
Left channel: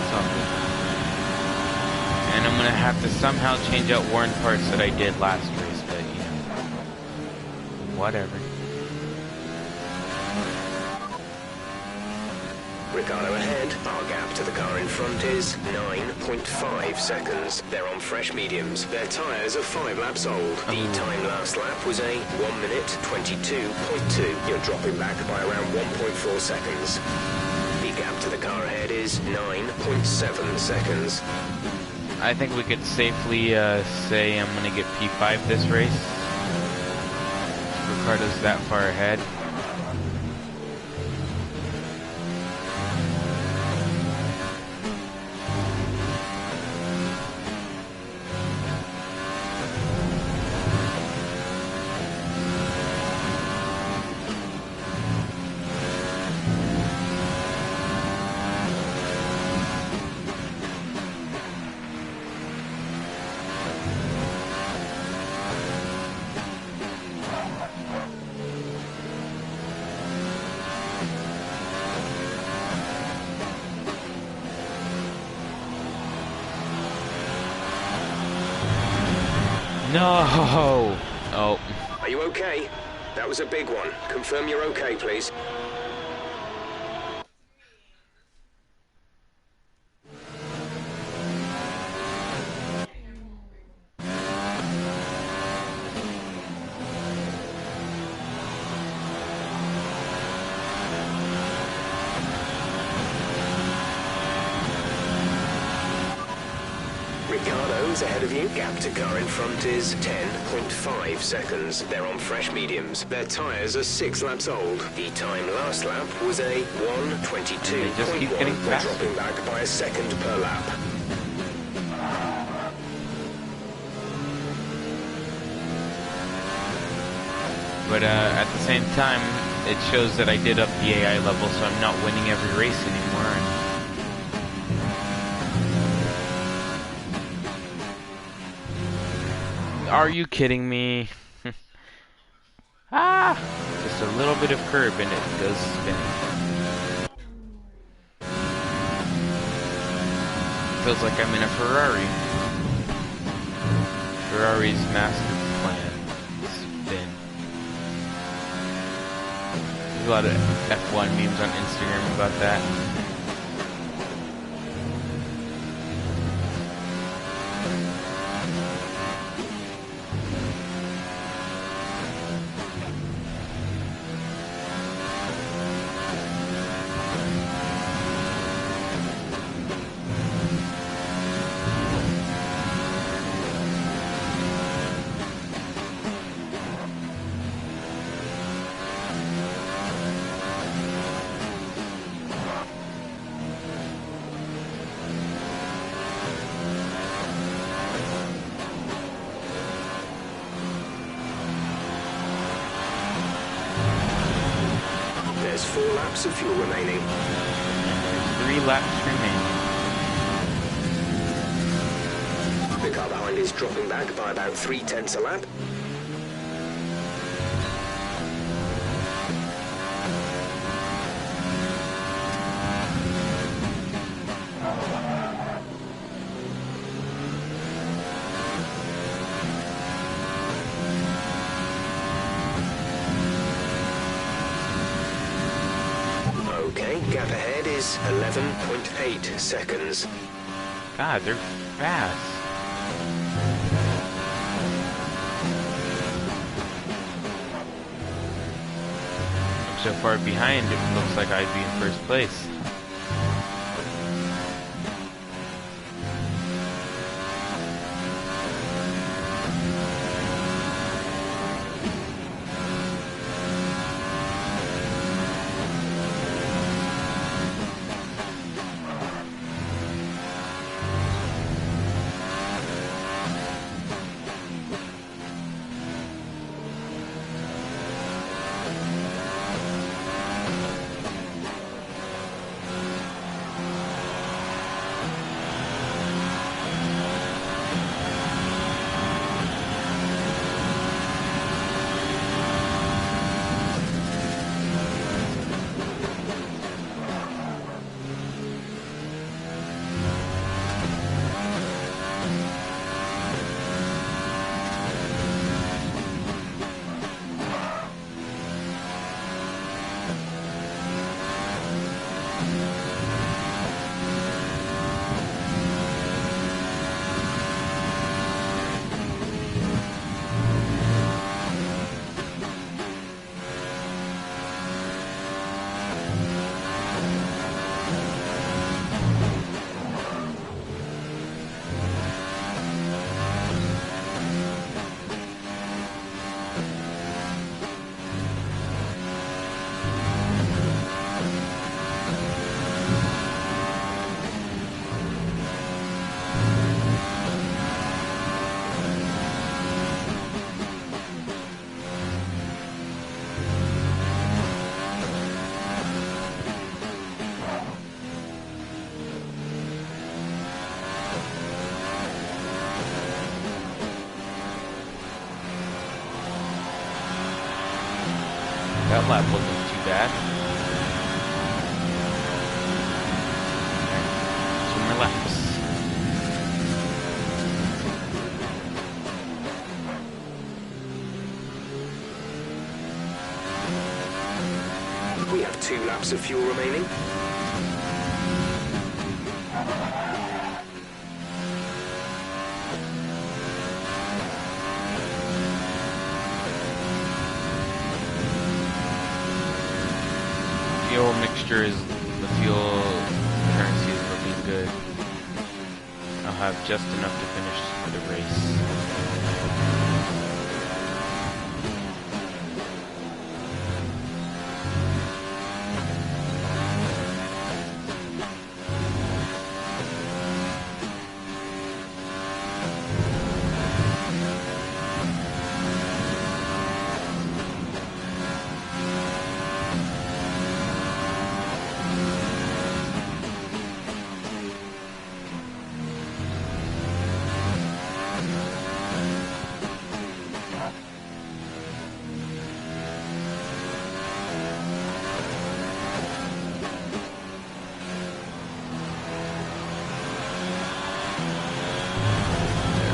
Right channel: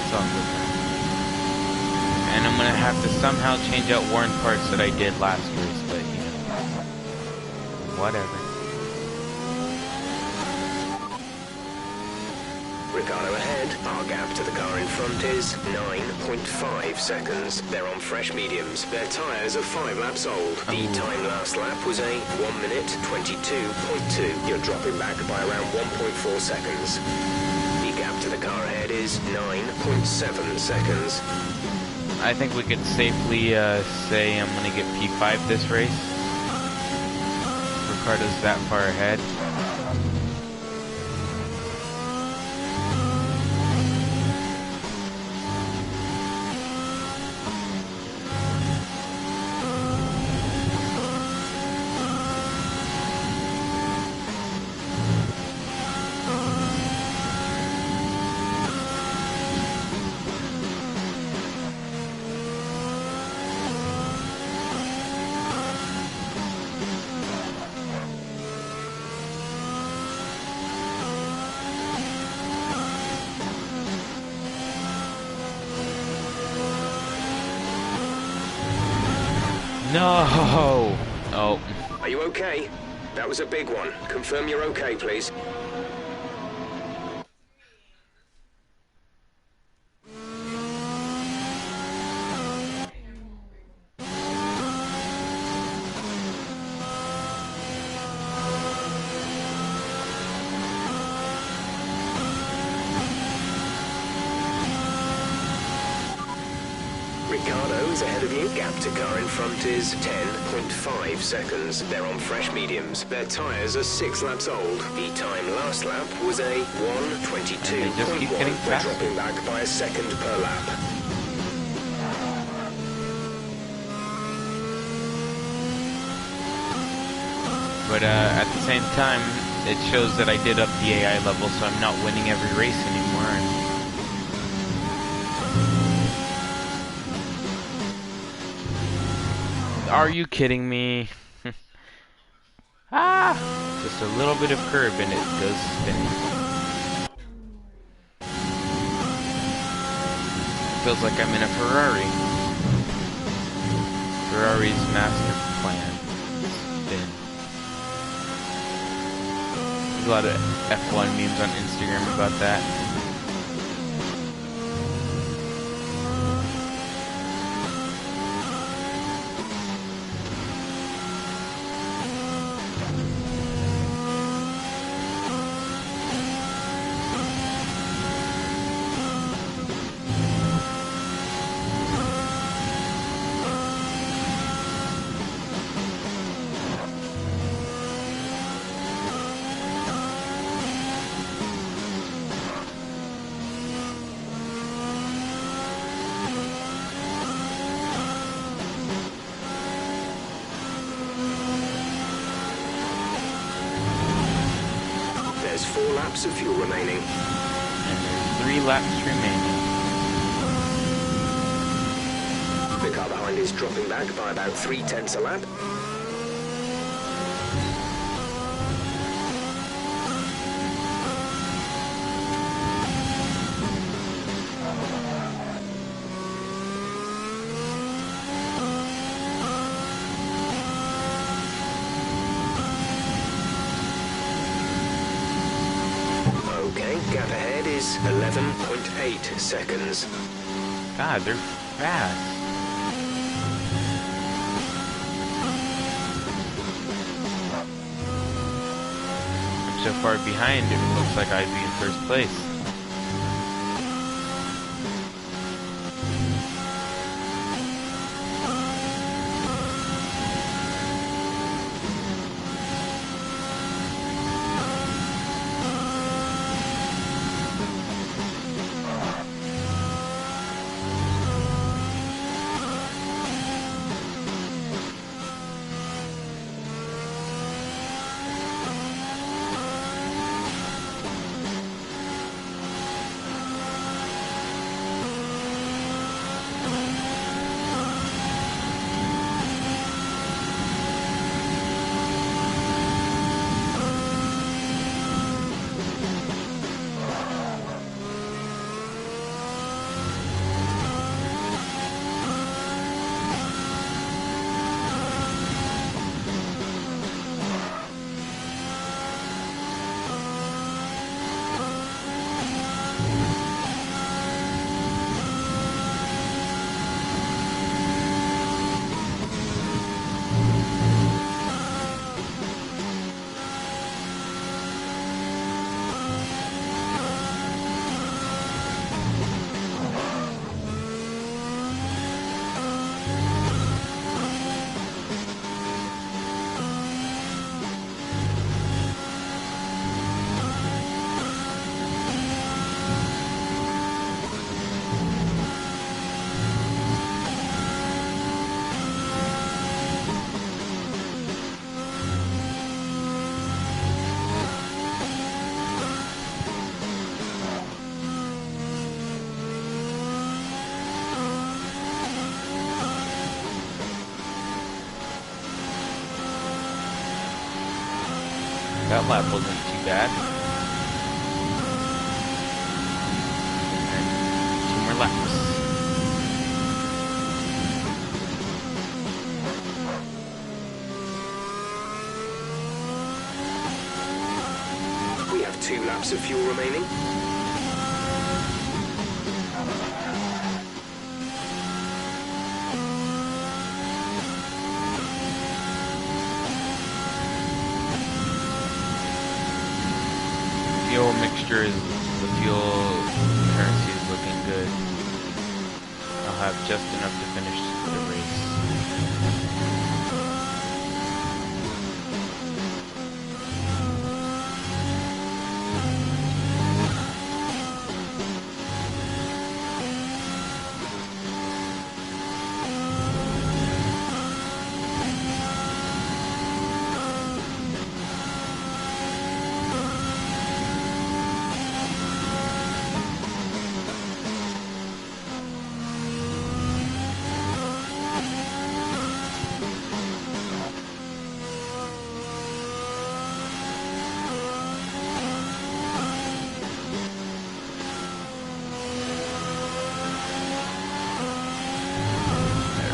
It's all good now. And I'm gonna have to somehow change out worn parts that I did last race, but you know, whatever. Ricardo ahead. Our gap to the car in front is 9.5 seconds. They're on fresh mediums. Their tyres are 5 laps old. The time last lap was a 1 minute 22.2. You're dropping back by around 1.4 seconds. The gap to the car ahead is 9.7 seconds. I think we could safely say I'm going to get P5 this race. Ricardo's that far ahead. No! Oh. Are you okay? That was a big one. Confirm you're okay, please. Ricardo's ahead of you. Gap to car in front is 10.5 seconds. They're on fresh mediums. Their tyres are 6 laps old. The time last lap was a 1:22.1. Just keep getting They're faster. dropping back by a second per lap. But at the same time, it shows that I did up the AI level, so I'm not winning every race anymore. And are you kidding me? Ah! Just a little bit of curb and it goes spinning. Feels like I'm in a Ferrari. Ferrari's master plan. Spin. There's a lot of F1 memes on Instagram about that. There's 4 laps of fuel remaining. And there's 3 laps remaining. The car behind is dropping back by about 0.3 a lap. Okay, gap ahead is 11.8 seconds. God, they're fast. so far behind, it looks like I'd be in first place. That lap wasn't too bad. Okay, 2 more laps. We have 2 laps of fuel remaining. Fuel mixture is, the fuel currency is looking good. I'll have just enough to finish the race.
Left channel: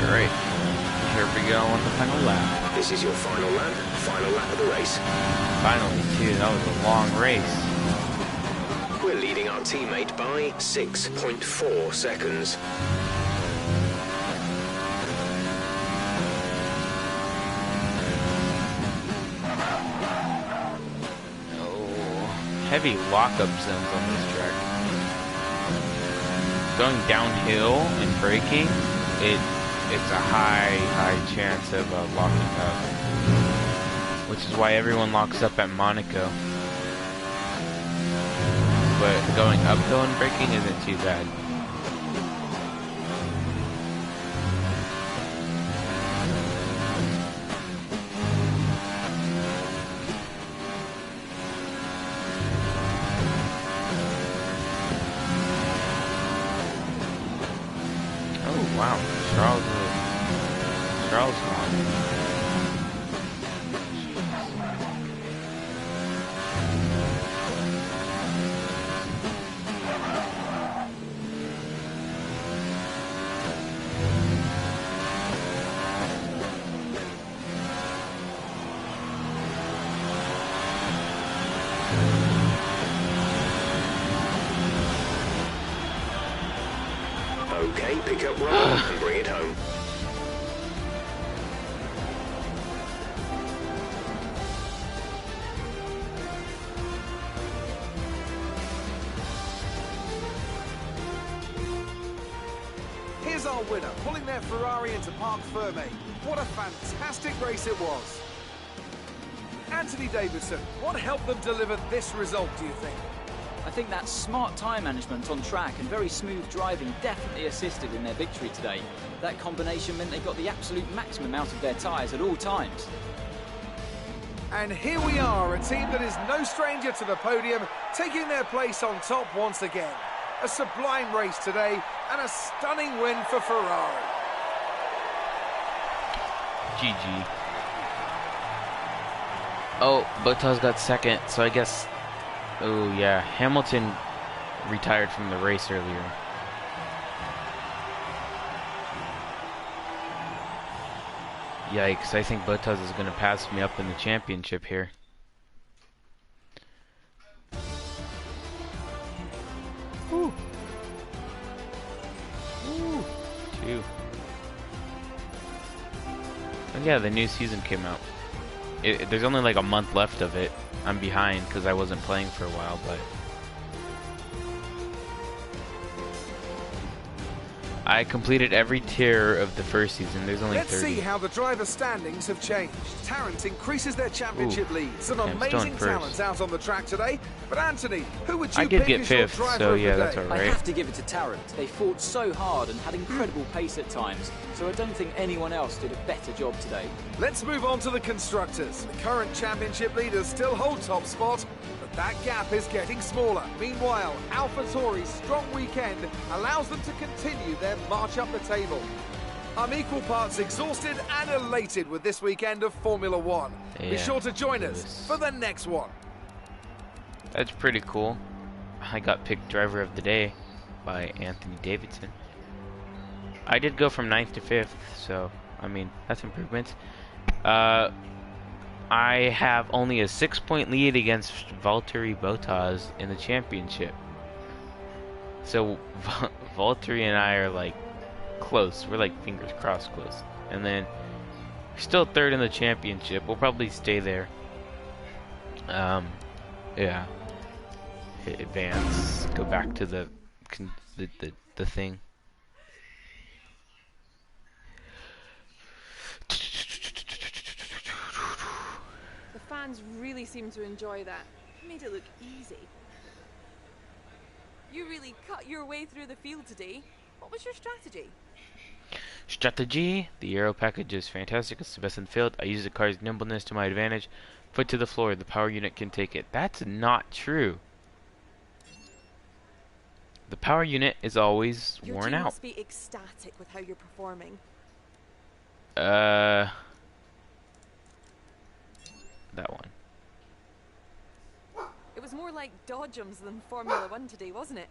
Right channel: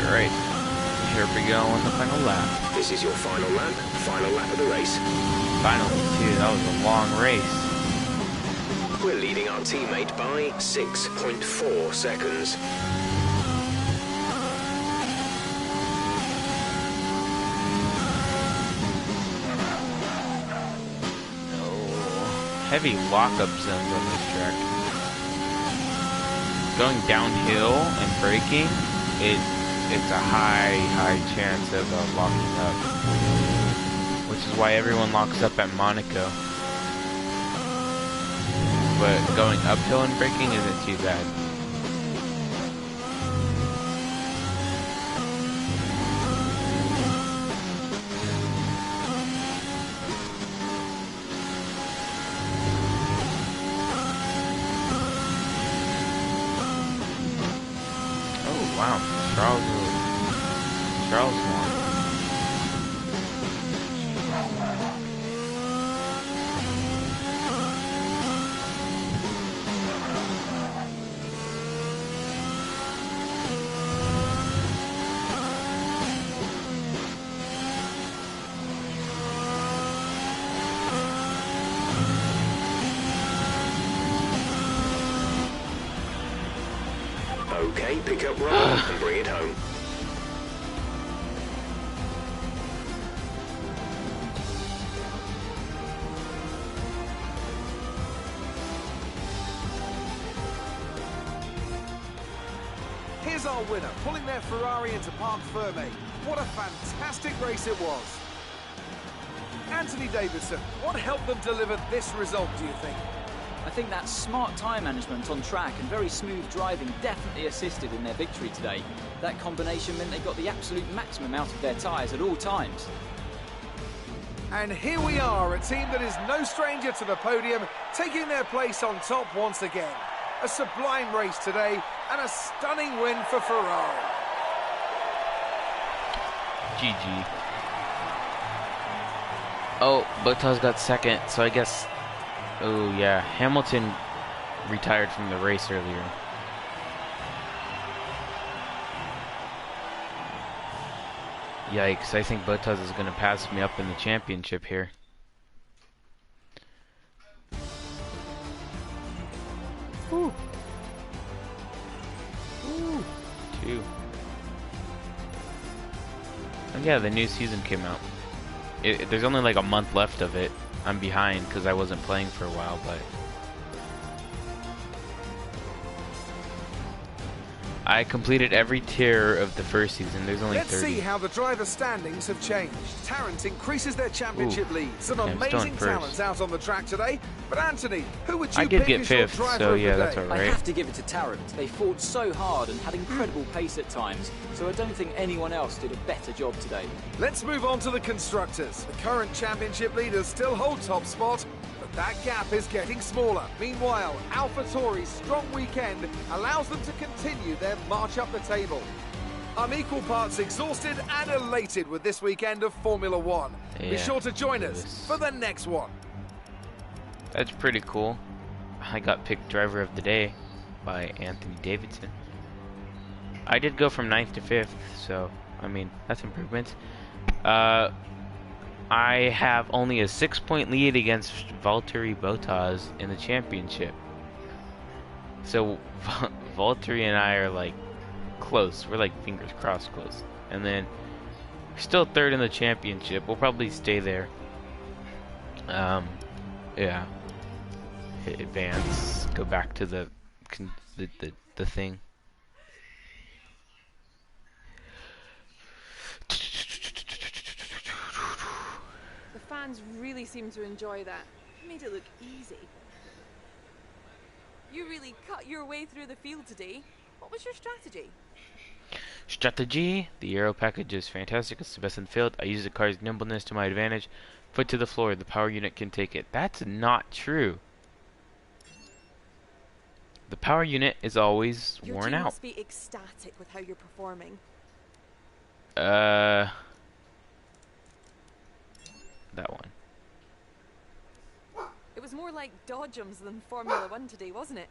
Alright, here we go on the final lap. This is your final lap of the race. Finally, too, that was a long race. We're leading our teammate by 6.4 seconds. Oh, heavy lockup zones on this track. Going downhill and braking, it's a high chance of locking up, which is why everyone locks up at Monaco. But going uphill and braking isn't too bad. Oh wow, Charles won. Okay, pick up Ron and bring it home. our winner, pulling their Ferrari into Parc Ferme. What a fantastic race it was. Anthony Davidson, what helped them deliver this result, do you think? I think that smart tyre management on track and very smooth driving definitely assisted in their victory today. That combination meant they got the absolute maximum out of their tyres at all times. And here we are, a team that is no stranger to the podium, taking their place on top once again. A sublime race today, and a stunning win for Ferrari. GG. Oh, Bottas got second, so I guess... Oh, yeah. Hamilton retired from the race earlier. Yikes, I think Bottas is going to pass me up in the championship here. Woo. Woo. 2. Oh yeah, the new season came out. There's only like a month left of it. I'm behind because I wasn't playing for a while, but I completed every tier of the first season. There's only 30. Let's see how the driver standings have changed. Tarrant increases their championship lead. Some amazing talents out on the track today. But Anthony, who would you I did pick get as your fifth, driver so of yeah, the that's day? alright. I have to give it to Tarrant. They fought so hard and had incredible pace at times, so I don't think anyone else did a better job today. Let's move on to the constructors. The current championship leaders still hold top spot, but that gap is getting smaller. Meanwhile, AlphaTauri's strong weekend allows them to continue their march up the table. I'm equal parts exhausted and elated with this weekend of Formula One. Be Yeah, sure to join us for the next one. That's pretty cool. I got picked driver of the day by Anthony Davidson. I did go from 9th to 5th, so I mean that's improvement. I have only a 6-point lead against Valtteri Bottas in the championship. So Valtteri and I are like close. We're like fingers crossed close. And then we're still 3rd in the championship. We'll probably stay there. Yeah. Hit advance. Go back to the thing. The fans really seem to enjoy that. It made it look easy. You really cut your way through the field today. What was your strategy? Strategy. The aero package is fantastic. It's the best in the field. I use the car's nimbleness to my advantage. Foot to the floor. The power unit can take it. That's not true. The power unit is always Your worn team out. must be ecstatic with how you're performing. That one. It was more like Dodgems than Formula One today, wasn't it?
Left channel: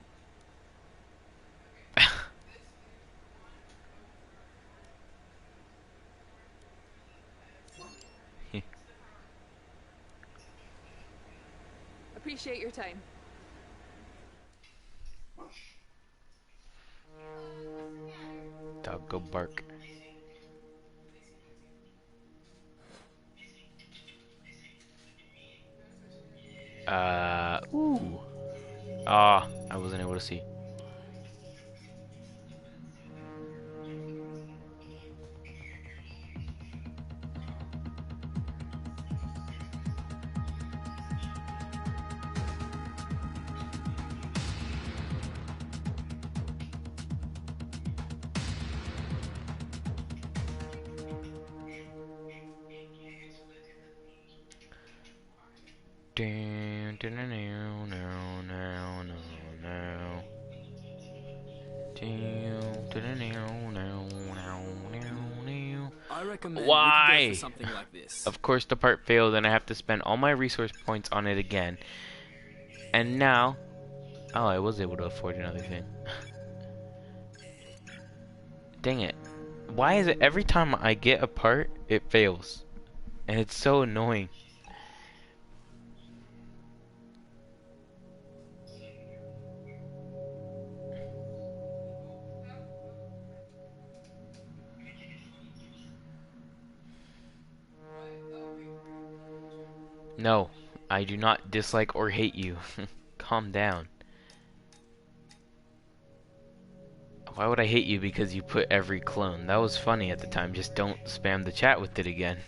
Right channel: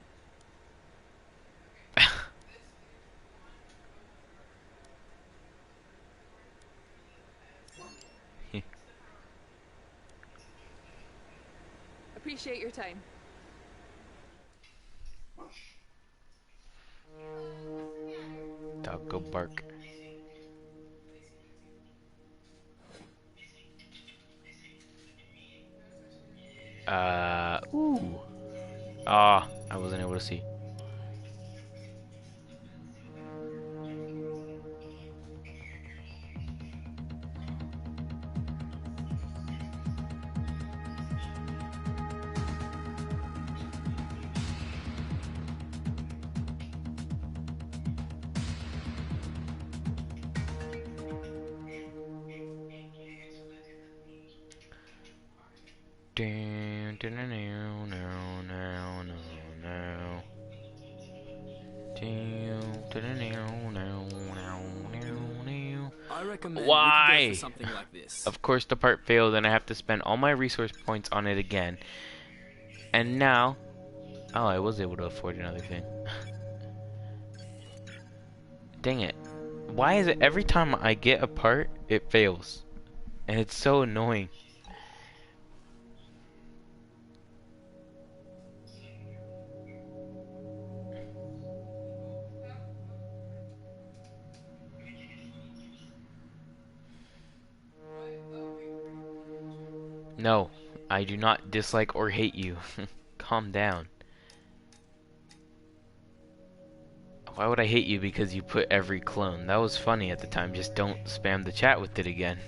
Appreciate your time. Dog go bark. Ooh. Ah, I wasn't able to see. I recommend Why? we could go for something like this. Of course the part failed and I have to spend all my resource points on it again. And now... Oh, I was able to afford another thing. Dang it. Why is it every time I get a part, it fails? And it's so annoying. No, I do not dislike or hate you. Calm down. Why would I hate you because you put every clone? That was funny at the time. Just don't spam the chat with it again.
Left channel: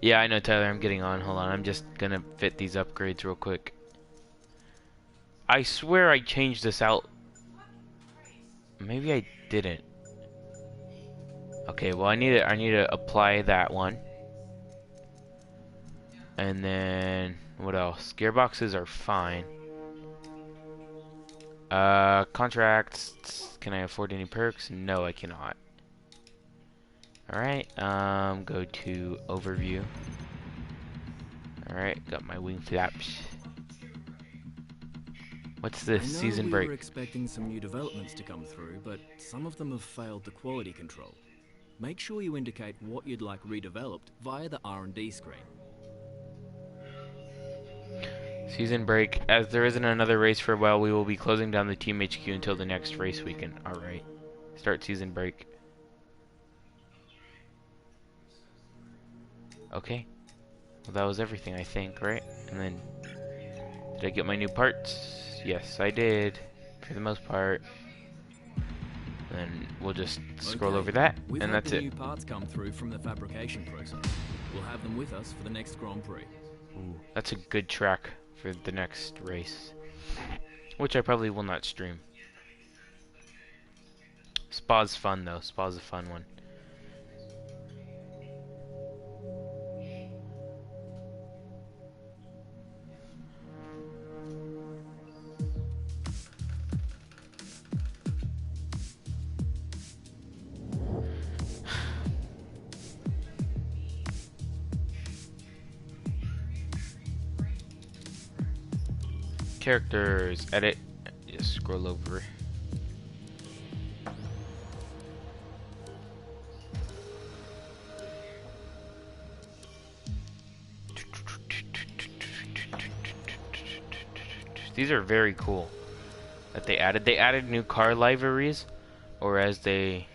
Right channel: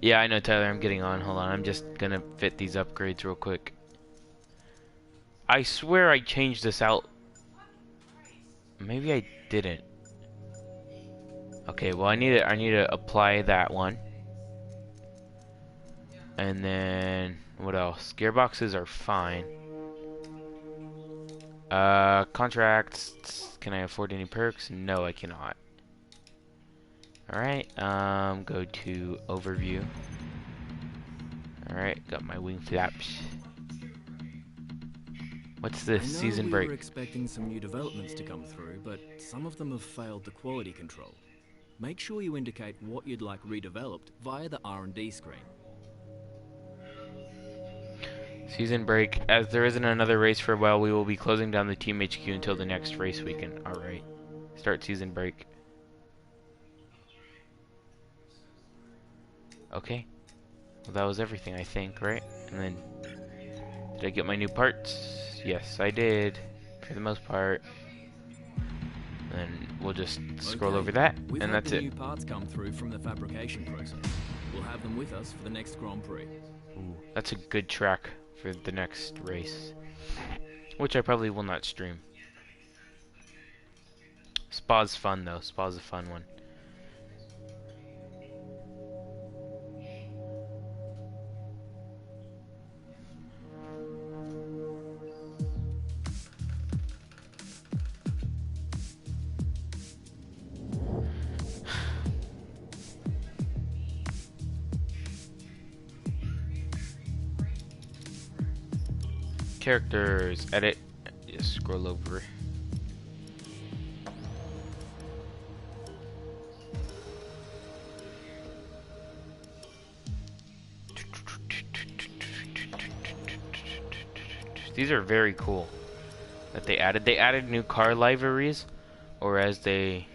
Yeah, I know, Tyler. I'm getting on. Hold on. I'm just gonna fit these upgrades real quick. I swear I changed this out. Maybe I didn't. Okay, well I need to apply that one. And then what else? Gearboxes are fine. Contracts. Can I afford any perks? No, I cannot. Alright, go to overview. Alright, got my wing flaps. What's this? Season break. We were expecting some new developments to come through, but some of them have failed the quality control. Make sure you indicate what you'd like redeveloped via the R&D screen. Season break. As there isn't another race for a while, we will be closing down the Team HQ until the next race weekend. Alright. Start season break. Okay. Well, that was everything, I think, right? And then, did I get my new parts? Yes, I did. For the most part. Then we'll just scroll over that, and that's it. New parts come through from the fabrication process. We'll have them with us for the next Grand Prix. Ooh, that's a good track for the next race, which I probably will not stream. Spa's fun though. Spa's a fun one. Characters, edit, just scroll over. These are very cool that they added. They added new car liveries, or as they,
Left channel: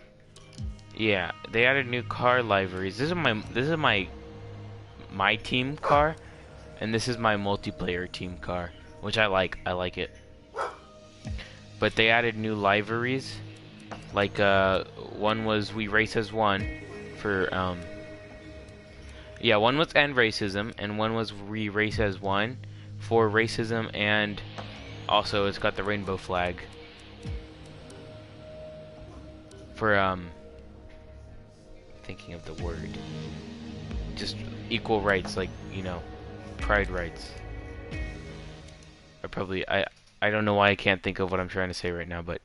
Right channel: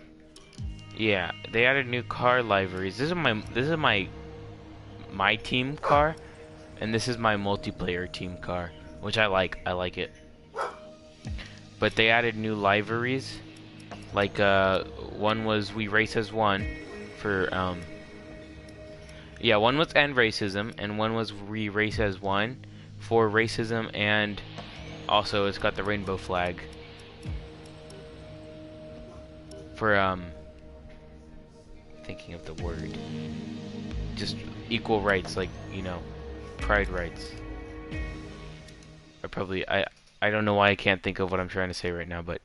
yeah, they added new car liveries. This is my team car, and this is my multiplayer team car. Which I like it. But they added new liveries. Like, one was We Race as One for, yeah, one was End Racism, and one was We Race as One for racism, and also it's got the rainbow flag. For, thinking of the word. Just equal rights, like, you know, pride rights. I don't know why I can't think of what I'm trying to say right now, but